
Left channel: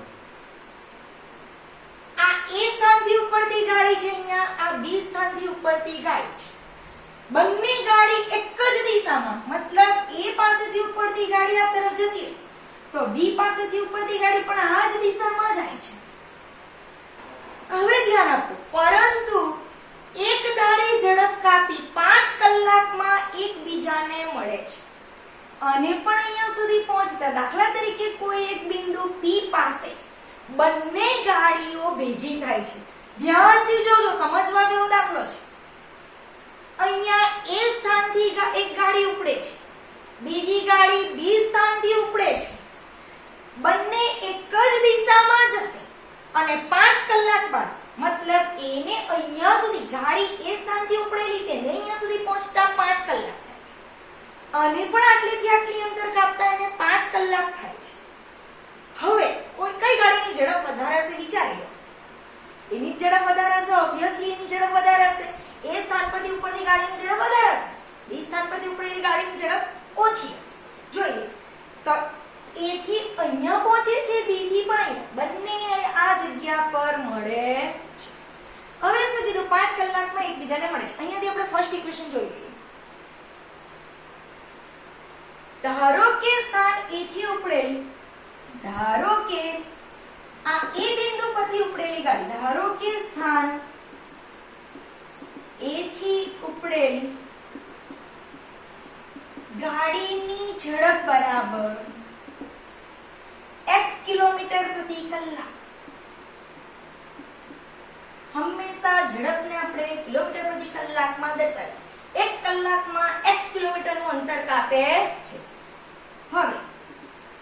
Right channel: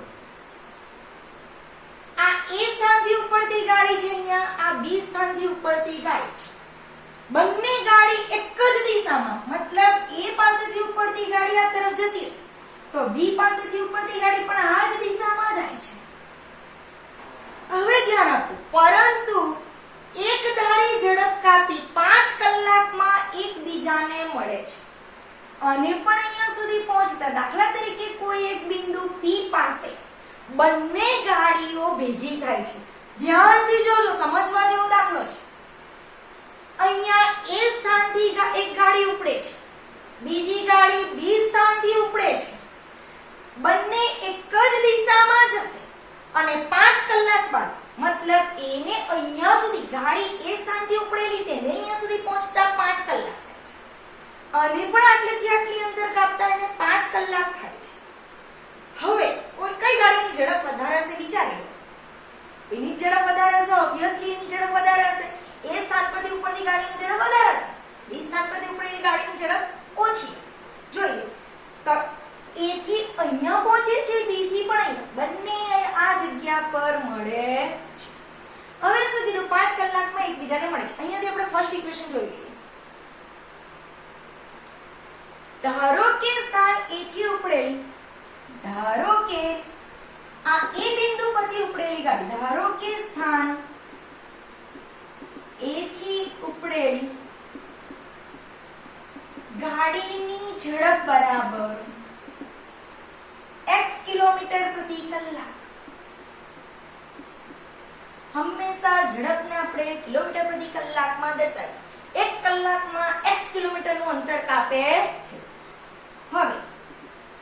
આ A સ્થાનથી ઉપડતી ગાડી છે અહીંયા આ બી સ્થાનથી ઉપડતી ગાડી છે. બંને ગાડી એક જ દિશામાં, મતલબ એ પાસેથી ઉપડતી ગાડી આ તરફ જતી હોય તો બી પાસેથી ઉપડતી ગાડી પણ આ જ દિશામાં જાય છે. હવે ધ્યાન આપો, પરંતુ એક ધારી ઝડપ કાપી 5 કલાકમાં એકબીજાને મળે છે અને પણ અહીંયા સુધી પહોંચતા, દાખલા તરીકે કોઈ એક બિંદુ P પાસે બંને ગાડીઓ ભેગી થાય છે. ધ્યાનથી જોજો, સમજવા જેવો દાખલો છે. અહીંયા એ સ્થાનથી એક ગાડી ઉપડે છે, બીજી ગાડી બી સ્થાનથી ઉપડે છે, બંને એક જ દિશામાં જશે અને 5 કલાક બાદ, મતલબ એને અહીંયા સુધી ગાડી એ સ્થાનથી ઉપડેલી તેને અહીંયા સુધી પહોંચતા 5 કલાક થાય છે અને પણ આટલેથી આટલી અંતર કાપતા એને 5 કલાક થાય છે. હવે કોઈ કઈ ગાડીની ઝડપ વધારે હશે વિચારી લો. એની ઝડપ વધારે હશે, ઓબ્વિયસલી એની ઝડપ વધારે હશે. એ સ્થાન પરથી ઉપડતી ગાડીની ઝડપ વધારે હશે, બી સ્થાન પરથી ઉપડેલી ગાડીની ઝડપ ઓછી હશે. જોઈએ તો એ થી અહીંયા પહોંચે છે, બી થી પણ અહીંયા, બંને આ જગ્યા પર મળે છે. હવે શું કીધું, 5 કલાકમાં એકબીજાને મળે છે. અહીંયાથી આપણે ફર્સ્ટ ઇક્વેશન જોઈ લઈએ. ધારો કે સ્થાન એ થી ઉપડેલ, ધારો કે આ એ બિંદુ પરથી ઉપડેલી ગાડી, ધારો કે સ્થાન એ થી ઉપડેલ ગાડીની ઝડપ બરાબર x કિલોમીટર પ્રતિ કલાક. હંમેશા ઝડપને આપણે કિલોમીટર પ્રતિ કલાકમાં દર્શાવીએ. 1 કલાકમાં x કિલોમીટરનું અંતર કાપે છે. હવે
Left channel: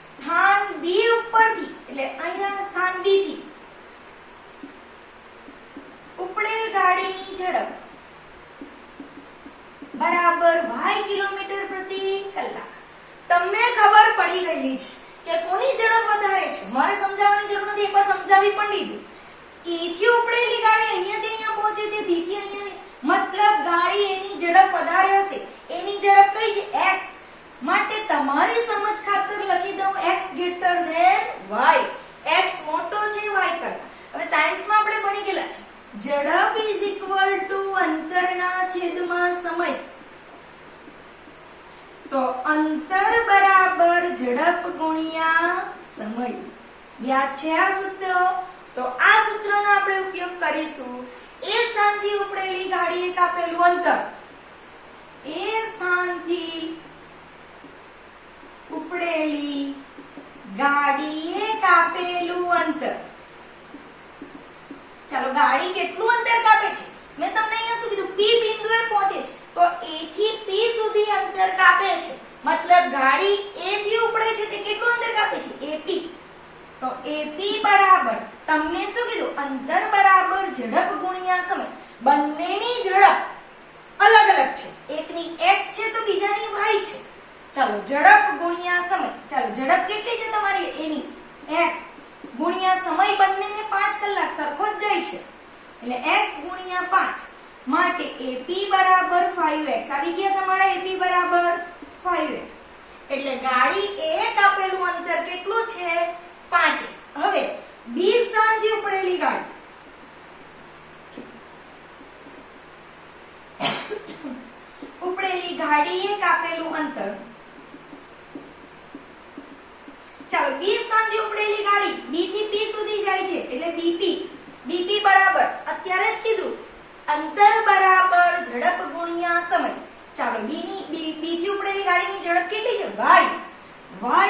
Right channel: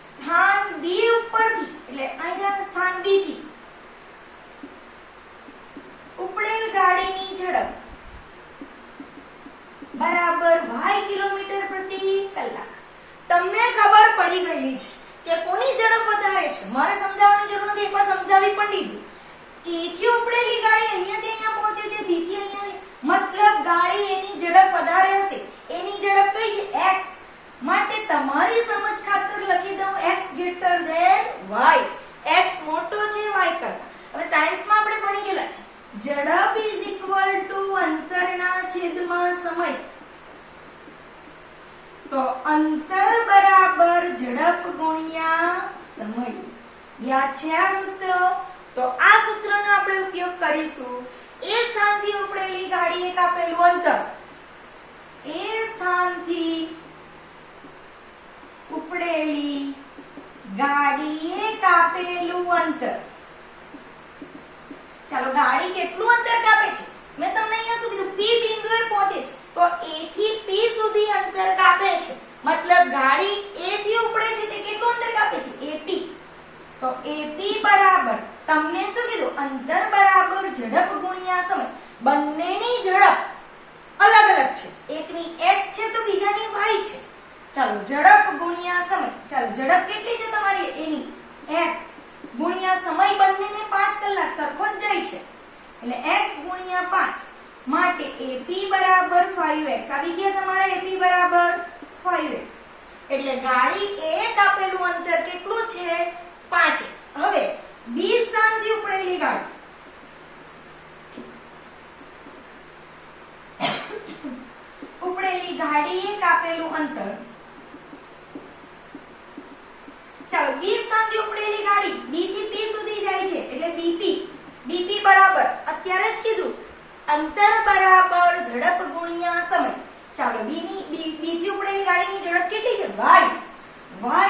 સ્થાન B ઉપરથી, એટલે અહીંયા સ્થાન B થી ઉપડેલ ગાડીની ઝડપ બરાબર y કિલોમીટર પ્રતિ કલાક. તમને ખબર પડી ગઈ છે કે કોની ઝડપ વધારે છે. મારે સમજાવવાની જરૂર નથી, એકવાર સમજાવી પણ દીધું. A થી ઉપડેલી ગાડી અહીંયાથી અહીંયા પહોંચે છે, B થી અહીંયા, મતલબ ગાડી એની ઝડપ વધારે હશે. એની ઝડપ કઈ છે? x. માટે તમારી સમજ ખાતર લખી દઉં x greater than y. x મોટો છે y કરતા. હવે સાયન્સમાં આપણે ભણી ગયેલા છે, ઝડપ ઇઝ ઇક્વલ ટુ અંતરના છેદમાં સમય. તો અંતર બરાબર ઝડપ ગુણ્યા સમય. યાદ છે આ સૂત્ર? તો આ સૂત્રનો આપણે ઉપયોગ કરીશું. એ સ્થાનથી ઉપડેલી ગાડીએ કાપેલું અંતર, એ સ્થાનથી ઉપડેલી ગાડીએ કાપેલું અંતર. ચાલો, ગાડી કેટલું અંતર કાપે છે મેં તમને અહીંયા શું કીધું, P બિંદુએ પહોંચે છે તો A થી P સુધી અંતર કાપે છે, મતલબ ગાડી A થી ઉપડે છે તે કેટલું અંતર કાપે છે? AP. તો AP બરાબર, તમને શું કીધું, અંતર બરાબર ઝડપ ગુણ્યા સમય. બંનેની ઝડપ અલગ અલગ છે, એકની x છે તો બીજાની y છે. ચાલો, ઝડપ ગુણ્યા સમય. ચાલો, ઝડપ કેટલી છે તમારી? એની x ગુણ્યા સમય, બંનેને 5 કલાક સરખો જ જાય છે એટલે x ગુણ્યા 5. માટે AP બરાબર 5x. આવી ગયા તમારા AP બરાબર 5x. એટલે ગાડી એ કાપેલું અંતર કેટલું છે? 5x. હવે B સ્થાનથી ઉપડેલી ગાડી, ઉપડેલી ગાડીએ કાપેલું અંતર, ચાલો, B સ્થાનથી ઉપડેલી ગાડી B થી P સુધી જાય છે એટલે BP. BP બરાબર અત્યારે જ કીધું, અંતર બરાબર ઝડપ ગુણ્યા સમય. ચાલો, B થી ઉપડેલી ગાડીની ઝડપ કેટલી છે?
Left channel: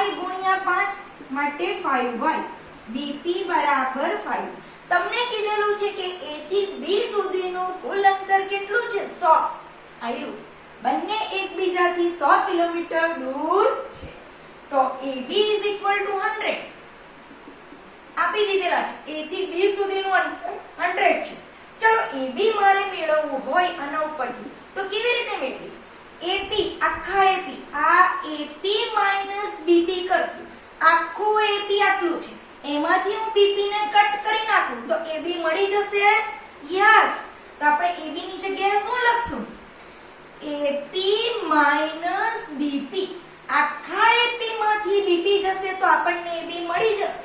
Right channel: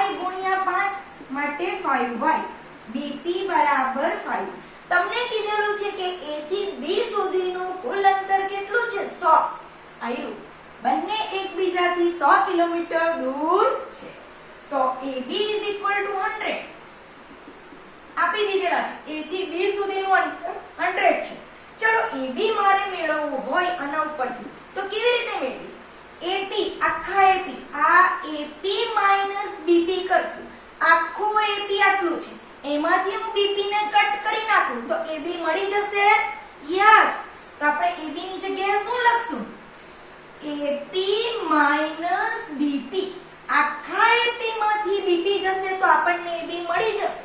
y ગુણ્યા 5, માટે 5y. BP બરાબર 5. તમને કીધેલું છે કે A થી B સુધીનું કુલ અંતર કેટલું છે? 100. આયુ બંને એકબીજાથી 100 કિલોમીટર દૂર છે. તો AB is equal to 100. આપી દીધેલા છે. A થી B સુધીનું અંતર 100 છે. ચલો, AB મારે મેળવવું હોય આના ઉપરથી તો કેવી રીતે મેળવીશ? AP, આખા AP, આ AP માઈનસ BP કરશું. આખું AP આટલું છે, એમાંથી હું BP ને કટ કરી નાખું તો AB મળી જશે. યસ. તો આપણે AB ની જગ્યાએ શું લખશું? AP minus BP. આખા AP માંથી BP જશે તો આપણને AB મળી જશે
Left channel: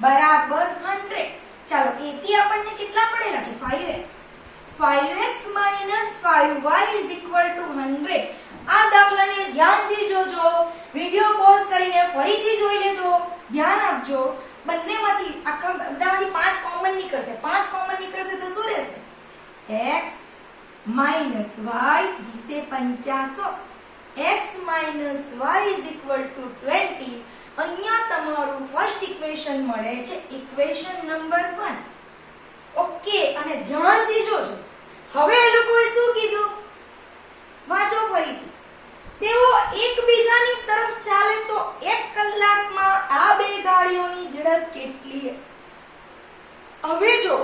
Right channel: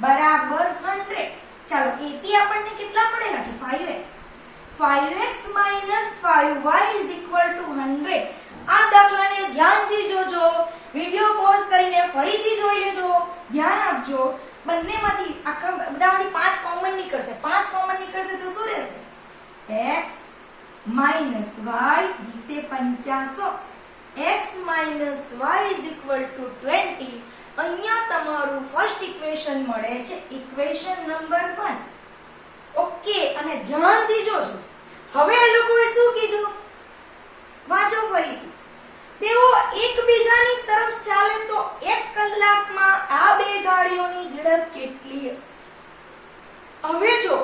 બરાબર 100. ચાલો, AP આપણને કેટલા મળેલા છે? 5x. 5x - 5y = 100. આ દાખલાને ધ્યાનથી જોજો, વિડિયો પોઝ કરીને ફરીથી જોઈ લેજો, ધ્યાન આપજો. બંનેમાંથી આખા બધામાંથી 5 કોમન નીકળશે. 5 કોમન નીકળશે તો શું રહેશે? x - y = 50. x - y = 20. અહીંયા તમારું ફર્સ્ટ ઇક્વેશન મળે છે, ઇક્વેશન નંબર 1. ઓકે, અને ધ્યાનથી જોજો. હવે એ લોકોએ શું કીધું? વાંચો ફરીથી. તેઓ એકબીજાની તરફ ચાલે તો 1 કલાકમાં આ બે ગાડીઓની ઝડપ કેટલી હશે? હવે જો,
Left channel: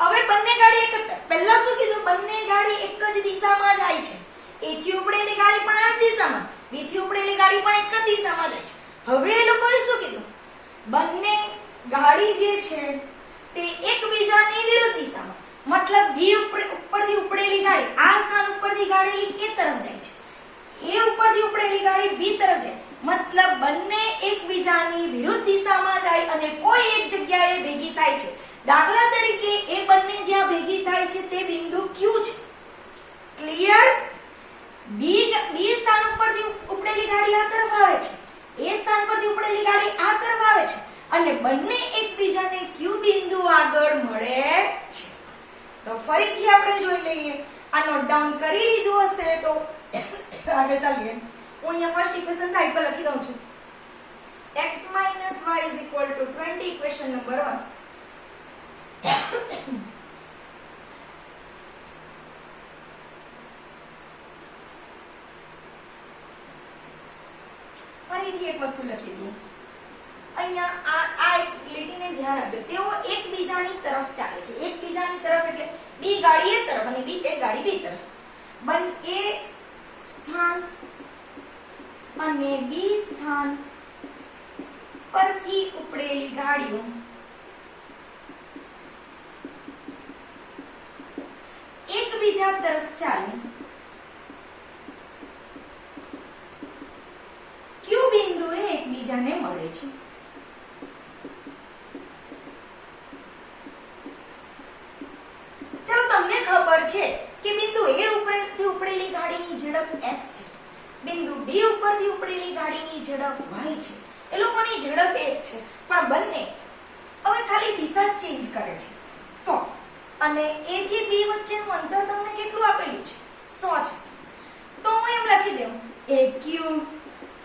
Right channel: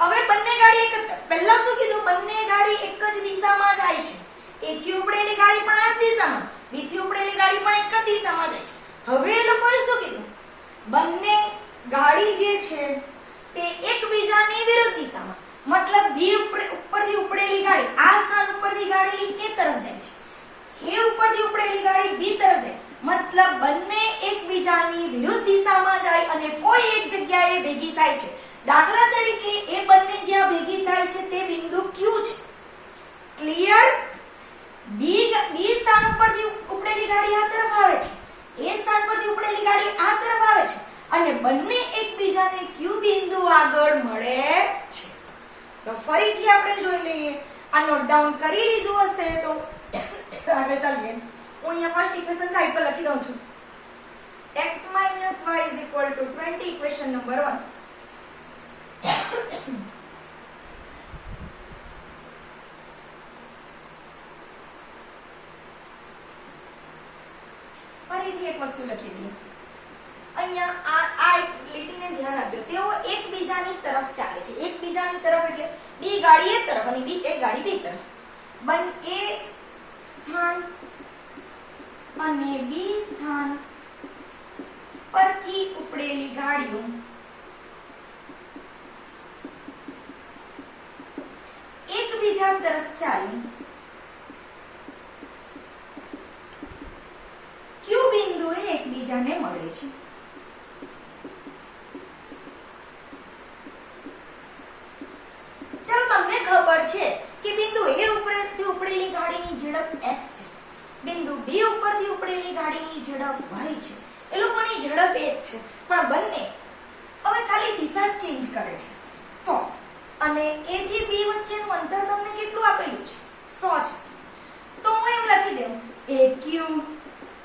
હવે બંને ગાડી એક જ, પહેલા શું કીધું? બંને ગાડી એક જ દિશામાં જાય છે. એથી ઉપડેલી ગાડી પણ આ જ દિશામાં, બીથી ઉપડેલી ગાડી પણ એક જ દિશામાં જાય છે. હવે એ લોકોએ શું કીધું? બંને ગાડી જે છે તે એકબીજાની વિરુદ્ધ દિશામાં, મતલબ બી ઉપરથી ઉપડેલી ગાડી આ સ્થાન ઉપરથી ગાડી એ તરફ જાય છે, એ ઉપરથી ઉપડેલી ગાડી બી તરફ જાય, મતલબ બંને એકબીજાની વિરુદ્ધ દિશામાં જાય અને કોઈ એક જગ્યાએ ભેગી થાય છે. દાખલા તરીકે એ બંને જ્યાં ભેગી થાય છે તે બિંદુ Q છે. ક્લિયર? બી સ્થાન ઉપરથી ઉપડેલી ગાડી આ તરફ આવે છે, એ સ્થાન પરથી ઉપડેલી ગાડી આ તરફ આવે છે અને બંને એકબીજાને Q બિંદુ આગળ મળે છે. તો ફરીથી આપણે જોઈ લઈએ. આ નોટ ડાઉન કરી લીધું હશે તો આગળ ચાલીએ. હું અહીંયા ફર્સ્ટ ઇક્વેશન સાઈડ પર લખી દઉં છું. x - y = 20, equation number 1. ફરીથી એક વસ્તુ લખી દઈએ. અહીંયા આ એક લીટીને ધ્યાન આપજો. તેઓ એકબીજાની તરફ ચાલે છે. એકબીજાની તરફ એટલે બી ગાડી એ તરફ અને બી એ ગાડી બી તરફ. એ સ્થાન અને બી સ્થાન પરથી ઉપડેલી ગાડીઓ એકબીજા તરફ ચાલે Q બિંદુએ એકબીજાને મળે છે. ચાલો, તમને ખબર છે કે બિંદુ A ઉપરથી ઉપડેલી ગાડીની ઝડપ x છે, બિંદુ B ઉપરથી ઉપડેલી ગાડીની ઝડપ y છે. એ લોકોની ઝડપ એક છે, પણ બંને હવે ખાલી દિશા ચેન્જ કરે છે. તો અને A થી B વચ્ચેનું અંતર તમને કેટલું આપેલું છે? 100 છે. તો હું એમ લખી દઉં AQ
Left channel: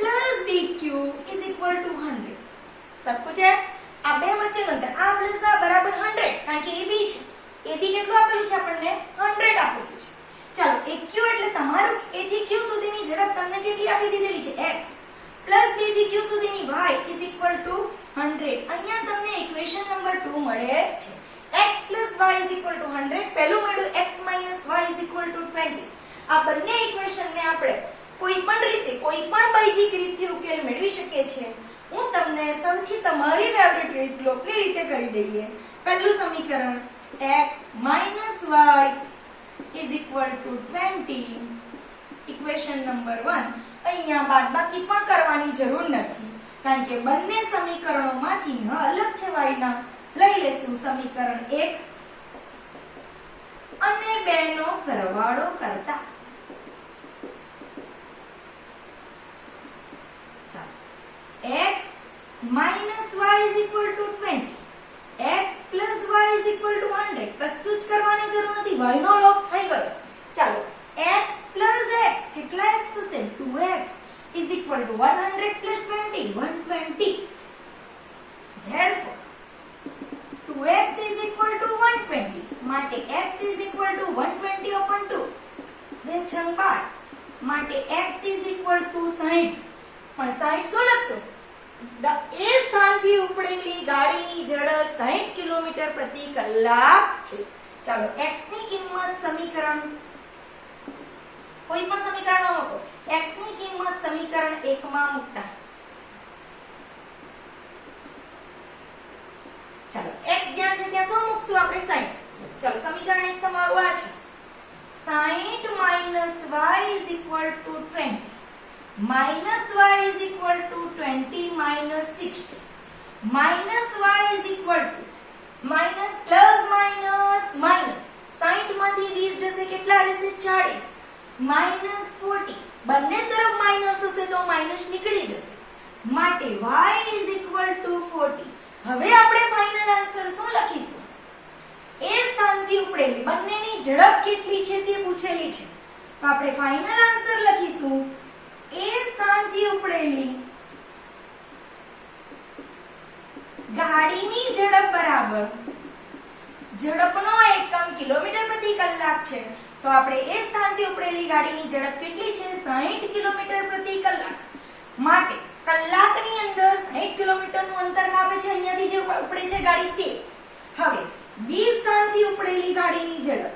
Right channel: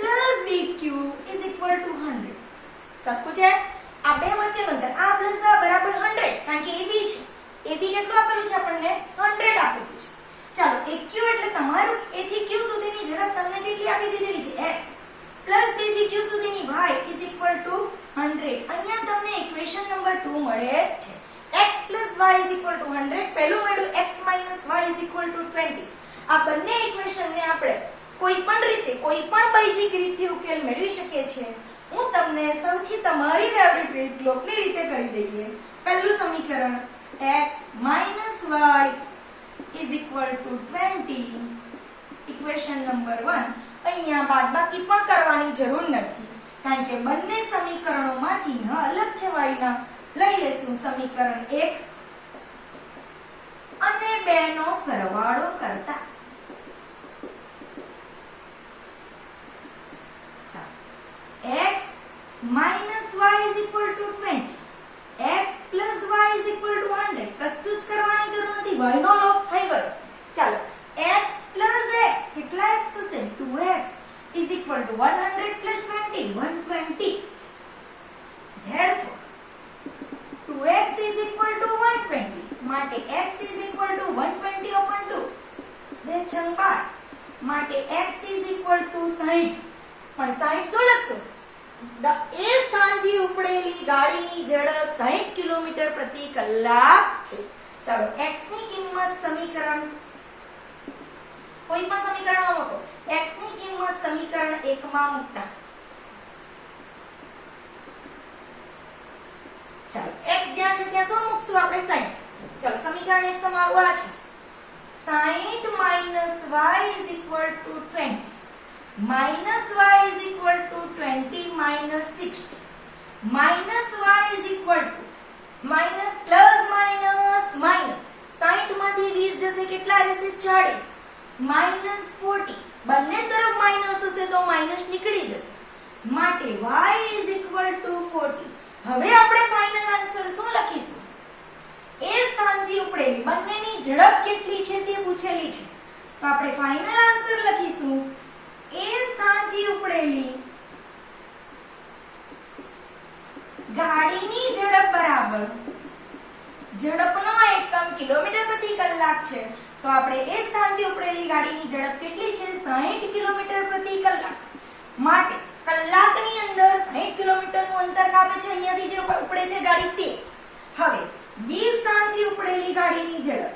+ BQ = 100. સરખું છે? આ બે વચ્ચેનું અંતર આ પ્લસ આ બરાબર 100, કારણ કે AB છે. AB કેટલું આપેલું છે? આપણને 100 આપેલું છે. ચાલો, AQ એટલે તમારું A થી Q સુધીની ઝડપ તમને કેટલી આપી દીધેલી છે? x + B થી Q સુધીની y = 100. અહીંયા તમને ઇક્વેશન નંબર 2 મળે છે. x + y = 100. પહેલું મળ્યું x - y = 20. આ બંને ઇક્વેશનને આપણે કોઈ પણ રીતે, કોઈ પણ બૈજિક રીતથી ઉકેલ મેળવી શકીએ છીએ. હું તમને સૌથી તમારી ફેવરિટ રીત લોકલી રીતે કરી દઈએ. પહેલું સમીકરણ x - y = 20, ઇક્વેશન નંબર 1. અહીંયા બાદબાકી પણ કરવાની જરૂર નથી, કારણ કે બંને સમીકરણોમાં ચિહ્ન અલગ છે y ના. લઈ લેશું સમીકરણ 1 અને 2 નો સરવાળો કરતા. x - y = 20, x + y = 100. કશું જ કરવાની જરૂર નથી, y નો લોપ થઈ ગયો. ચાલો, x + x કેટલા x થશે? 2x = 100 + 20, 120. therefore 2x = 120, માટે x = 120/2. 2 × 12 માટે x = 60. પણ 60 શું લખશું? એ સ્થાનથી ઉપડેલી ગાડીની ઝડપ 60 કિલોમીટર પ્રતિ કલાક છે. ચાલો, x ની કિંમત સમીકરણ કોઈ પણ સમીકરણમાં મૂકો. x ની કિંમત સમીકરણ 1 માં મૂકતા. ચાલો, x જ્યાં છે ત્યાં શું મૂકશું આપણે? 60. ચાલો, સમીકરણ 1 તમારું આ છે. 60 - y = 20. -y = 20 - 60. -y = -, કેટલા રહેશે 40 -40 બંને તરફ માઇનસ હશે તો માઇનસ નીકળી જશે માટે y = 40 હવે આપણે ફાઇનલ આન્સર શું લખીશું એ સ્થાનથી ઉપડેલી બંનેની ઝડપ કેટલી છે તે પૂછેલી છે તો આપણે ફાઇનલ આન્સર લખીશું એ સ્થાનથી ઉપડેલી ગાડીની ઝડપ બરાબર ઝડપનો એકમ કિલોમીટર પ્રતિ કલાક છે તો આપણે એ સ્થાનથી ઉપડેલી ગાડીની ઝડપ કેટલી છે 60 કિલોમીટર પ્રતિ કલાક માટે કલાકની અંદર 60 કિલોમીટરનું અંતર કાપે છે અહીંયાથી જે ઉપડે છે ગાડી તે હવે બી સ્થાનથી ઉપડેલી ગાડીની ઝડપ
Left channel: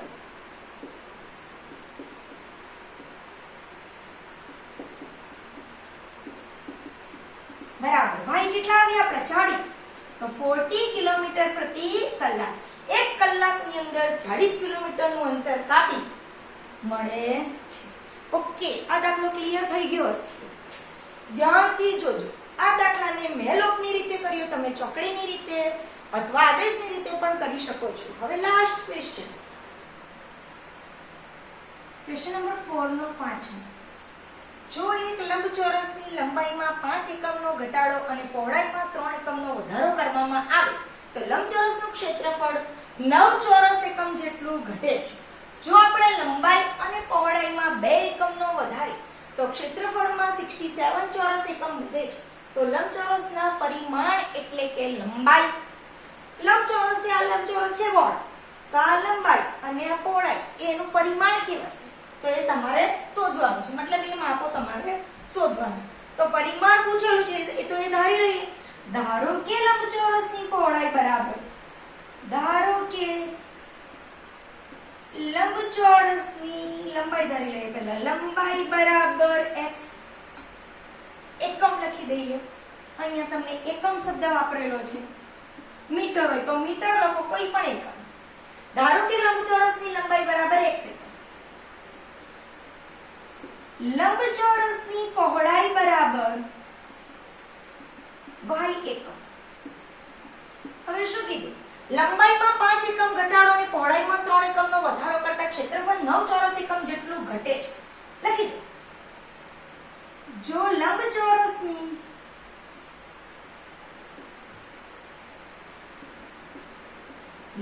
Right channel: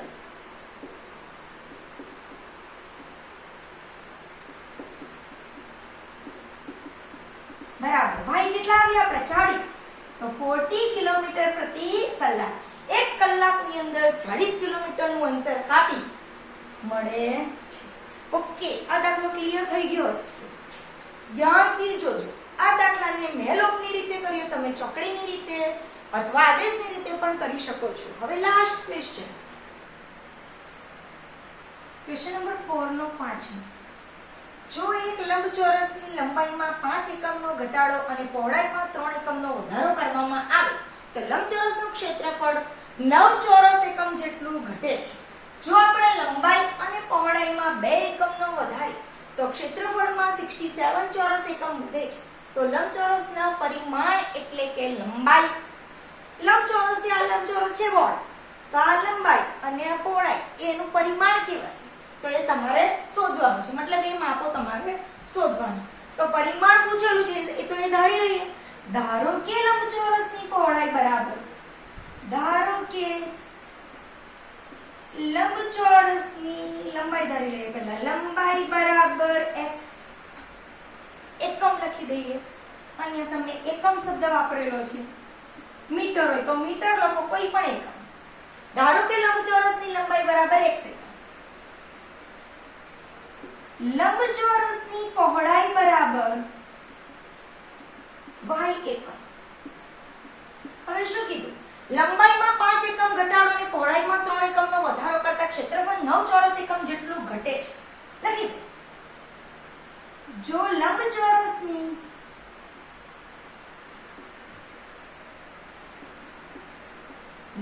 બરાબર y કેટલા આવ્યા આપણે 40 તો 40 કિલોમીટર પ્રતિ કલાક એક કલાકની અંદર 40 કિલોમીટરનું અંતર કાપી મળે છે ઓકે આ દાખલો ક્લિયર થઈ ગયો હશે ધ્યાનથી જોજો આ દાખલાને મેં લોકની રીતે કર્યો તમે ચોકડીની રીતે અથવા આદેશની રીતે પણ કરી શકો છો હવે લાસ્ટ ક્વેશ્ચન નંબર 4 નો 5 જો એક લંબચોરસની લંબાઈમાં 5 એકમનો ઘટાડો અને પહોળાઈમાં 3 એકમનો વધારો કરવામાં આવે તો લંબચોરસનું ક્ષેત્રફળ 9 ચોરસ એકમ જેટલું ઘટે છે જો આપણે લંબાઈ અને પહોળાઈમાં 2 એકમનો વધારીએ તો ક્ષેત્રફળમાં 67 ચોરસ એકમ વધે છે તો લંબચોરસના પરિમાણ એટલે કે લંબાઈ લંબચોરસ છે આ લંબચોરસ છે બોર્ડ તો આ લંબાઈ અને આ પહોળાઈ એનું પરિમાણ કેવું હશે તો એ તમારે શોધવાનું છે મતલબ એ માપો તમારે શોધવાનું તો પરિમાણ પૂછેલું છે એ તો એ ધારી લઈએ ધારો કે લંબચોરસની પહોળાઈ બરાબર ધારો કે લંબચોરસની લંબાઈ ધારી લઈએ પહેલા લંબાઈ બરાબર x એકમ લખી દઈએ અહીંયા તમને એકમ શબ્દ વાપરેલો છે મીટર હોય તો મીટર લખો કોઈ પણ એકમ ધારો કે લંબચોરસની લંબાઈ બરાબર x એકમ લંબચોરસની પહોળાઈ બરાબર y એકમ હવે શું કીધું લંબાઈમાં 5 એકમ ઘટાડો અને પહોળાઈમાં 3 એકમનો વધારો કરતા ક્ષેત્રફળ 9 ચોરસ એકમ જેટલું ઘટે છે લખી દે જો લંબચોરસની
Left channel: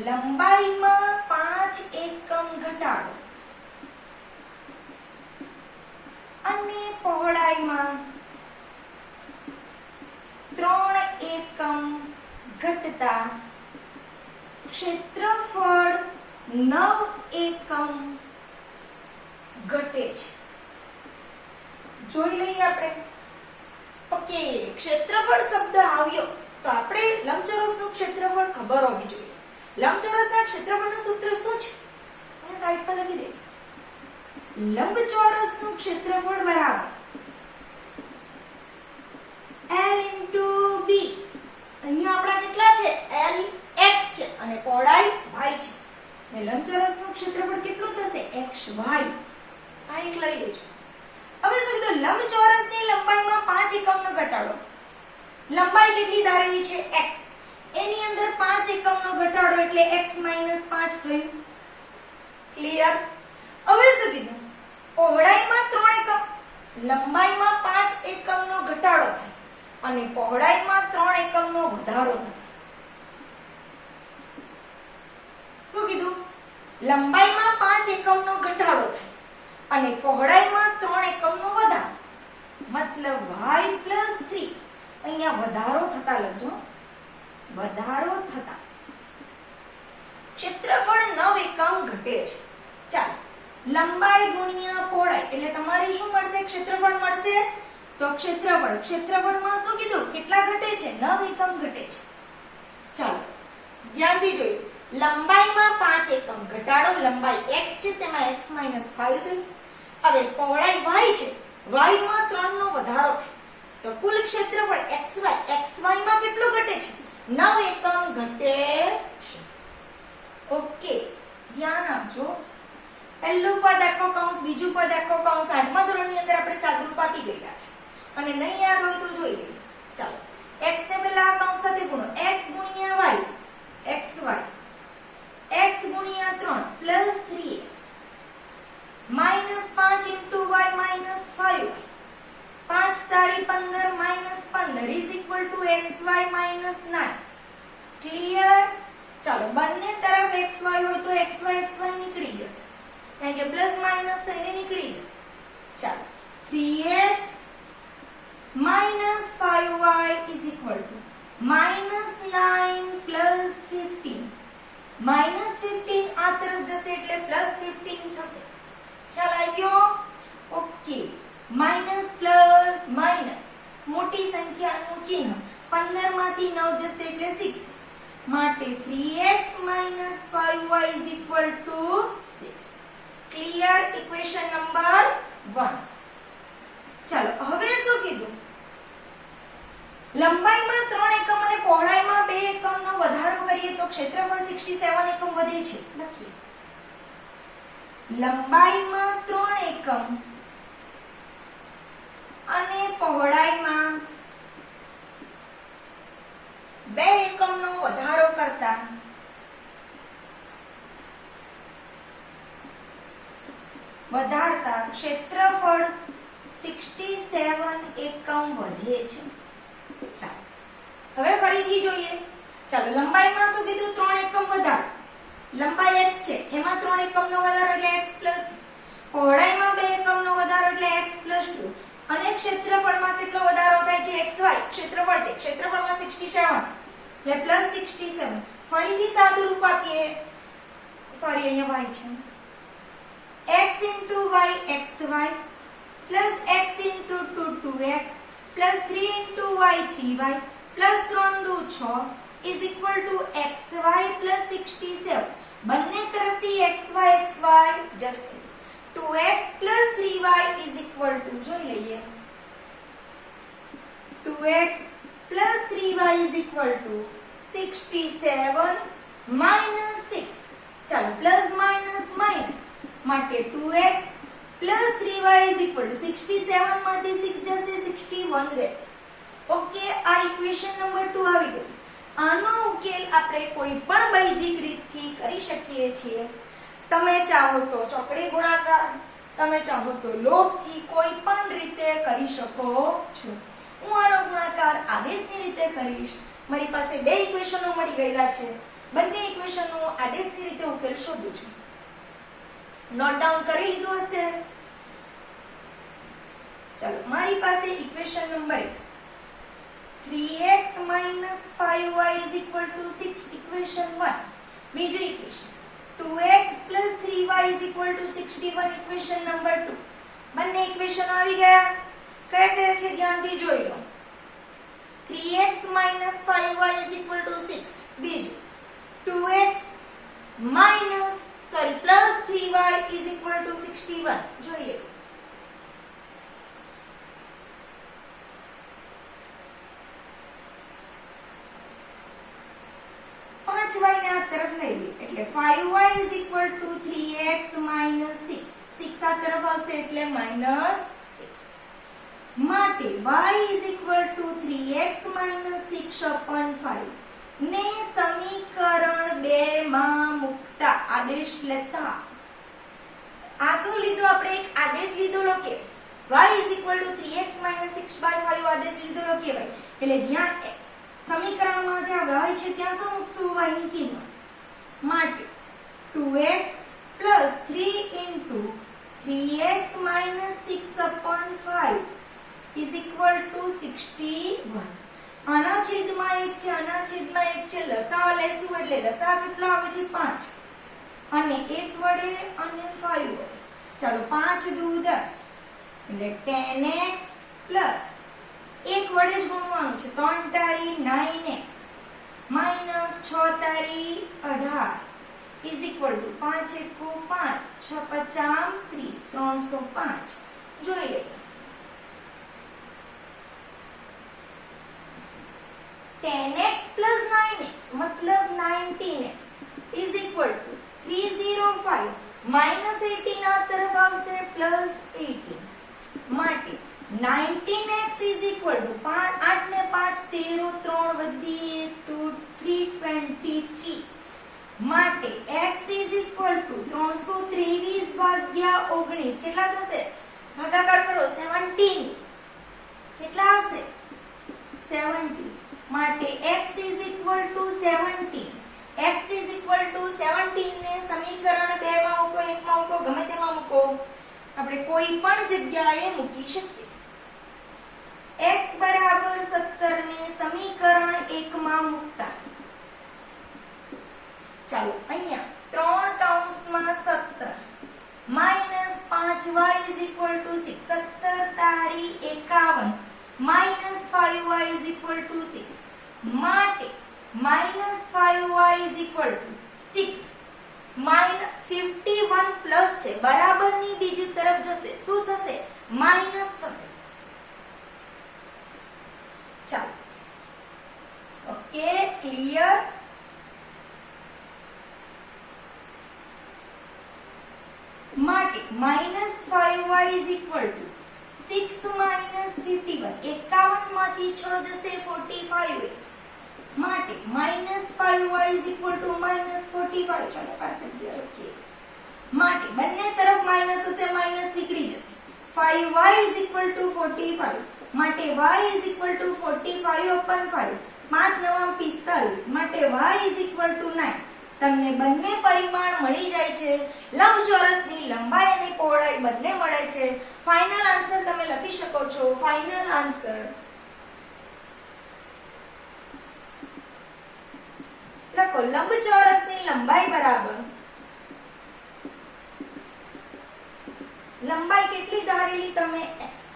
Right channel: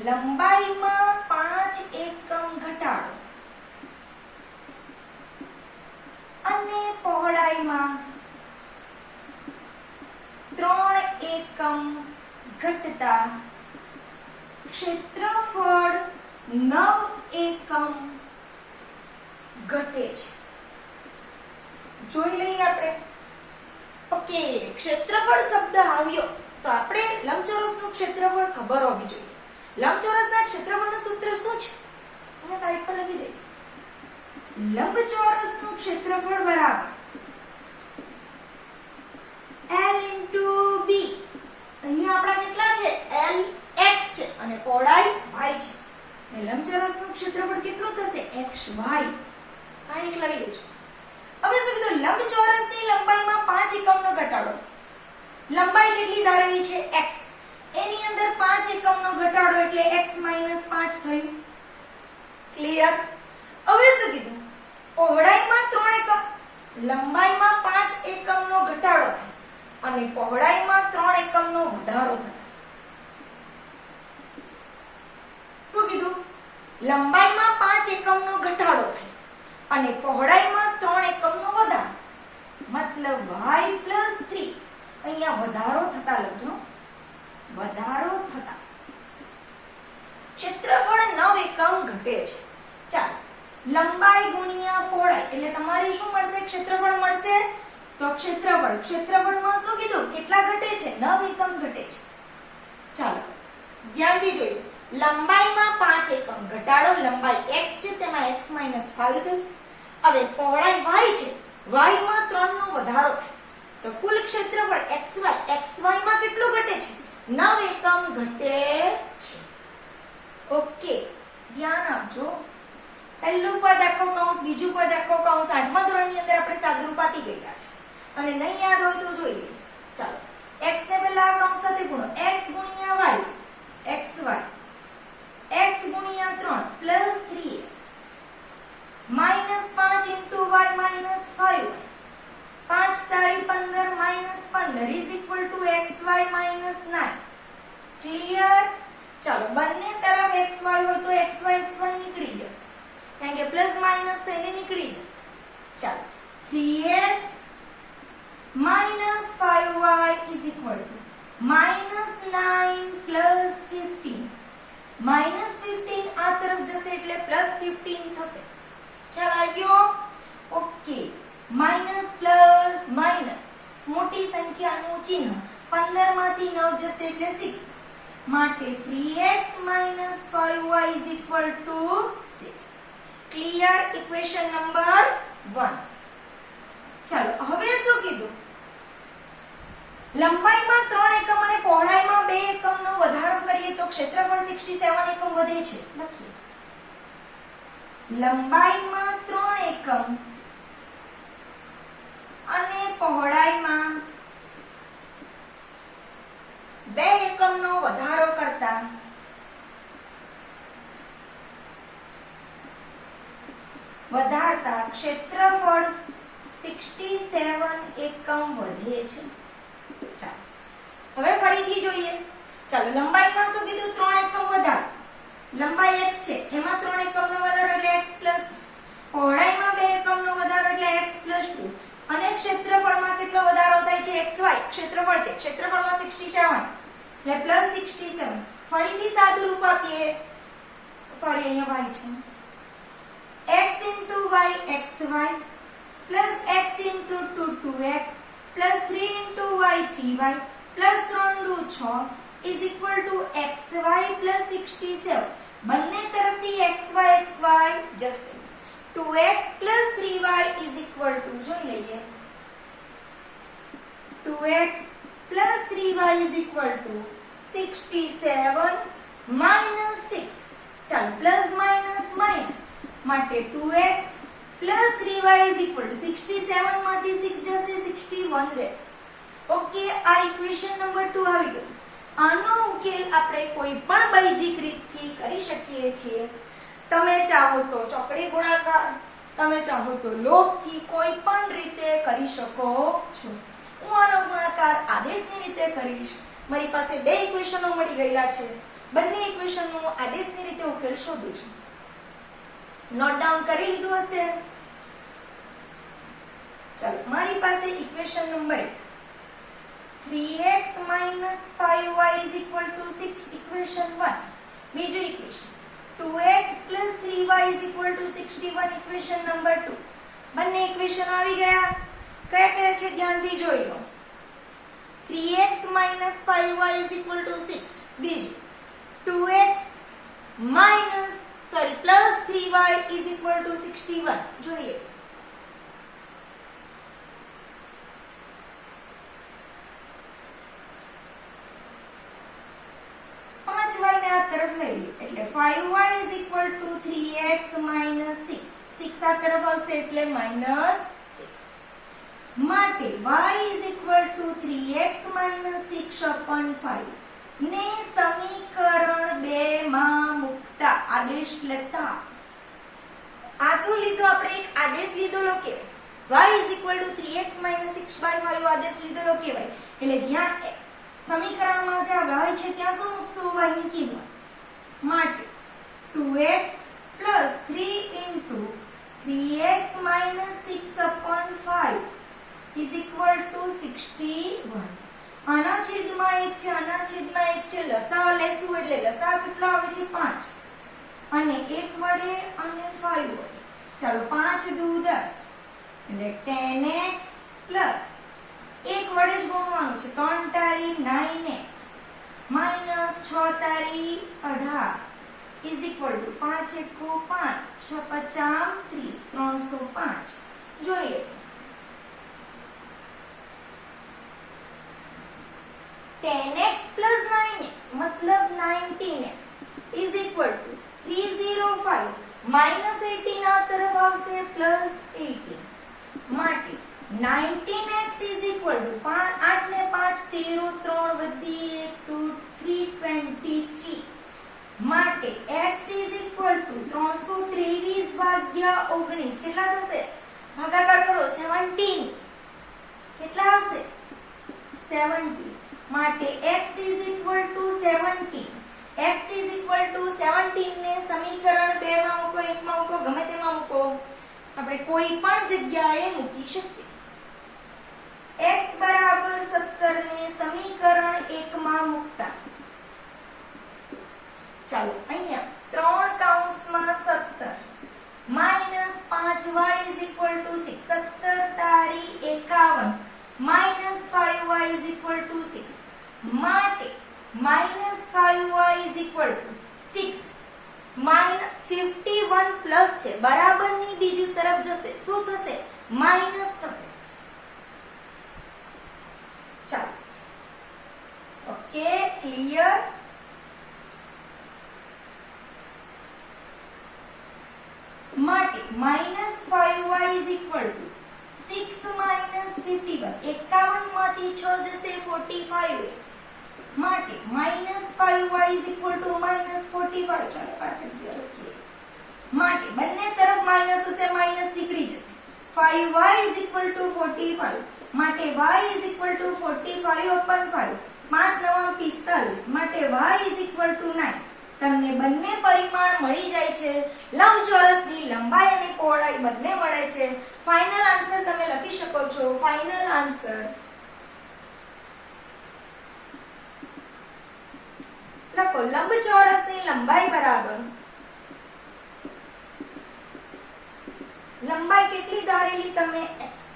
લંબાઈમાં 5 એકમ ઘટાડો અને પહોળાઈમાં 3 એકમ ઘટતા ક્ષેત્રફળ 9 એકમ ઘટે છે જોઈ લઈએ આપણે ઓકે ક્ષેત્રફળ શબ્દ આવ્યો તો આપણે લંબચોરસનું ક્ષેત્રફળ ખબર હોવી જોઈએ લંબચોરસના ક્ષેત્રફળનું સૂત્ર શું છે એને સાઈડ પર લખી દઈએ લંબચોરસનું ક્ષેત્રફળ બરાબર L * B અહીંયા આપણા કેટલા છે L x છે અને પહોળાઈ y છે ને લંબચોરસનું ક્ષેત્રફળ કેટલું થશે xy આ એક લઈ લેજો હવે શું કીધું લંબચોરસની લંબાઈમાં 5 એકમનો ઘટાડો લંબાઈ કેટલી ધારેલી છે x એની અંદર 5 એકમનો ઘટાડો એટલે x - 5 થયું ક્લિયર હવે શું કીધું પહોળાઈમાં 3 એકમ લંબાઈમાં 5 એકમનો ઘટાડો થાય અને પહોળાઈમાં 3 એકમનો વધારો થાય શું કીધું લંબાઈમાં 5 એકમનો ઘટાડો થાય અને પહોળાઈમાં 3 એકમનો વધારો મતલબ y + 3 અહીંયા વધારો થતા લખજો વધારો થતા ક્ષેત્રફળ 9 એકમ ઘટે છે ચાલો લંબાઈ ગુણ્યા પહોળાઈ એટલે તમારી શું મળશે ક્ષેત્રફળ મળશે તો ક્ષેત્રફળમાં શું કીધું કેટલા ઘટે છે 9 એકમ ઘટે છે ચાલો ધ્યાનથી જોઈએ લંબાઈમાં 5 એકમ ઘટાડો લંબાઈ x છે તેમાં x - 5 થઈ હવે પહોળાઈ y છે y માં 3 નો વધારો થાય તો કુલ ક્ષેત્રફળ xy માં કેટલું ઘટે છે 9 એકમ ઘટે છે ઓકે ધ્યાન આપજો પહેલું પદ આખો કૌંસ બીજું પદ આખો કૌંસ 8મા ધોરણની અંદર આપણે સાદુરૂપ આપી ગયેલા છે અને નહીં યાદ હોય તો જોઈ લઈએ ચાલો x ને પહેલા આ કૌંસ સાથે ગુણો x ગુણ્યા y xy x ગુણ્યા 3 + 3x -5 into y minus 5y, 5 તારી 15 minus 15 is equal to xy minus 9. Clear? ચાલો બંને તરફ xy હોય તો xy નીકળી જશે, કારણ કે પ્લસ માઇનસ થઈને નીકળી જશે. ચાલો 3x minus 5y is equal to -9 plus 15. -15 આ તરફ જશે એટલે +15 થશે. ખ્યાલ આવ્યો? ઓકે. માઇનસ પ્લસ માઇનસ મોટી સંખ્યાનું ચિહ્ન 15 માંથી 9 જશે એટલે 6 માટે 3x minus 5y is equal to 6. Clear? Equation number 1. ચાલો હવે શું કીધું? લંબાઈમાં 3 એકમ અને પહોળાઈમાં 2 એકમનો વધારો કરીએ તો ક્ષેત્રફળ 67 એકમ વધે છે. લખીએ. લંબાઈમાં 3 એકમ અને પહોળાઈમાં 2 એકમનો વધારો કરતા વધારતા ક્ષેત્રફળ 67 એકમ વધે છે. ચાલો હવે ફરીથી જોઈએ. ચાલો લંબાઈમાં શું કીધું? 3 એકમ વધારો. લંબાઈ x છે એમાં 3 એકમનો વધારો એટલે x + પહોળાઈમાં 2 એકમનો વધારો એટલે x + 2 અને ક્ષેત્રફળમાં કેટલો વધારો થાય છે? xy ક્ષેત્રફળ છે, ક્ષેત્રફળમાં 67 એટલે +67. ફરીથી સાદું રૂપ આપીએ. સોરી અહીંયા y છે. x into y xy plus x into 2 2x plus 3 into y 3y plus 3 2 6 is equal to xy plus 67. બંને તરફથી xy જશે. 2x plus 3y is equal to જોઈ લઈએ. 2x plus 3y is equal to 67 minus 6. ચાલો પ્લસ માઇનસ માઇનસ માટે 2x plus 3y is equal to 67 માંથી 6 જશે 61 રહેશે. ઓકે, આ ઇક્વેશન નંબર 2 આવી ગયું. આનો ઉકેલ આપણે કોઈ પણ બૈજિક રીતથી કરી શકીએ છીએ. તમે ચાહો તો ચોકડી ગુણાકાર, તમે ચાહો તો લોભથી કોઈ પણ રીતે કરી શકો છો. હું આનો ગુણાકાર આદેશની રીતે કરીશ. મારી પાસે 2 ઇક્વેશનો મળી ગયેલા છે. બંને ઇક્વેશનનો આદેશની રીતે ઉકેલ શોધું છું. નોટ ડાઉન કરી લીધું હશે. ચાલો મારી પાસે equation number 1 3x minus 5y is equal to 6 equation 1. બીજું equation 2x plus 3y is equal to 61 equation number 2. બંને ઇક્વેશન આવી ગયા. કયા કયા છે ધ્યાનથી જોઈ લો. 3x minus 5y is equal to 6. બીજું 2x plus 3y is equal to 61. જોઈએ. y ને આ તરફ લઈ લઈએ એટલે 5y is equal to 3x minus 6. 6 આ તરફ આવશે એટલે -6. માટે y is equal to 3x minus 6 upon 5 ને સમીકરણ 2 માં મૂકતા આદેશ લેતા. આ શું લીધું આપણે? એક આદેશ લીધેલો કહેવાય. y is equal to 3x minus 6 by 5 આદેશ લીધેલો કહેવાય. એટલે જ્યાં સમીકરણમાં જ્યાં y છે ત્યાં શું મૂકશું? y ની કિંમત. માટે 2x plus 3 into 3x minus 6 upon 5 is equal to 61. આના છેદમાં 1 છે, આના છેદમાં 1 છે. લસાઅ લેશું એટલે લસાઅ કેટલો આવે છે? 5 અને 1 વડે અને 5 વડે. ચાલો 5 દુ 10 એટલે 10x plus 1 વડે જ ગુણવાનું છે. 3 તારી 9x minus 6 તારી 18 is equal to 5 એકુ 5 6 50 30 305. જોઈ લઈએ. 10x plus 9x मतलब 19x is equal to 305 minus 18 આ તરફ આવશે plus 18. માટે 19x is equal to 8 ને 5 13 3 વધી 1 2 323. માટે x is equal to 323 ભાગ્યા 19 કેટલા થશે? ભાગાકાર કરો 17 કેટલા આવશે? 70 માટે x is equal to 17. x is equal to 17 ને સમીકરણ 2 માં મૂકો, 1 માં મૂકો, ગમે તેમાં મૂકો, આપણે કોઈ પણ જગ્યાએ મૂકી શકીએ. x બરાબર 17 ને સમીકરણ 1 માં મૂકતા ચાલો અહીંયા 3 કૌંસમાં 17 minus 5y is equal to 6. 17 તારી 51 minus 5y is equal to 6 માટે minus 5y is equal to 6 51 plus છે બરાબરની બીજી તરફ જશે, શું થશે? માઈનસ થશે. ચાલો ઓકે, ક્લિયર? માટે minus 5y is equal to 6 minus 51. 51 માંથી 6 જશે 45 માટે minus 5y is equal to minus 45. ચાલો પાછળ ગયા ઓકે. માટે બંને તરફ માઈનસ હશે, માઈનસ નીકળી જશે. 5y is equal to 45 માટે y is equal to 45 upon 5. 5 9 45 માટે y is equal to 9. તમને બંને પરિમાણ મળી જાય છે. લંબચોરસની લંબાઈ અને પહોળાઈ બંને મળે છે. ફાઇનલ આન્સર તમે લખી શકો છો. ફાઇનલ આન્સર લખો, લંબચોરસની લંબાઈ બરાબર લંબાઈ કેટલી ધારેલી તમે? x.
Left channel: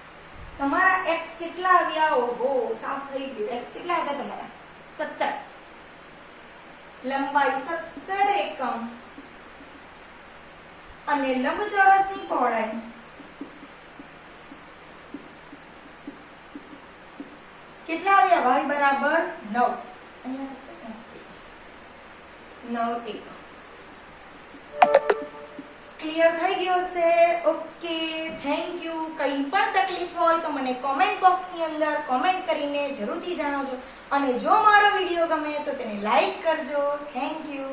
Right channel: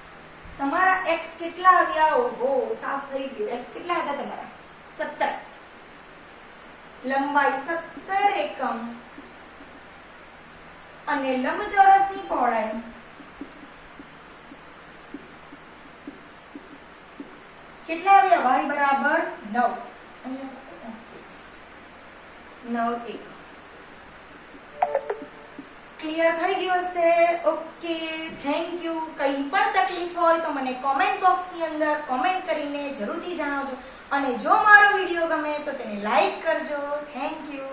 તમારા x કેટલા આવ્યા? ઓહો, સાફ થઈ ગયું. x કેટલા હતા તમારા? 17. લંબાઈ 17 એકમ અને લંબચોરસની પહોળાઈ કેટલા આવ્યા? y બરાબર 9. અહીંયા 9 એકમ. ક્લિયર થઈ ગયો છે? Okay, thank you. કંઈ પણ તકલીફ હોય તો મને કોમેન્ટ બોક્સની અંદર કોમેન્ટ કરીને જરૂરથી જણાવજો અને જો મારો વિડીયો ગમે તો તેને લાઈક કરજો. Thank you.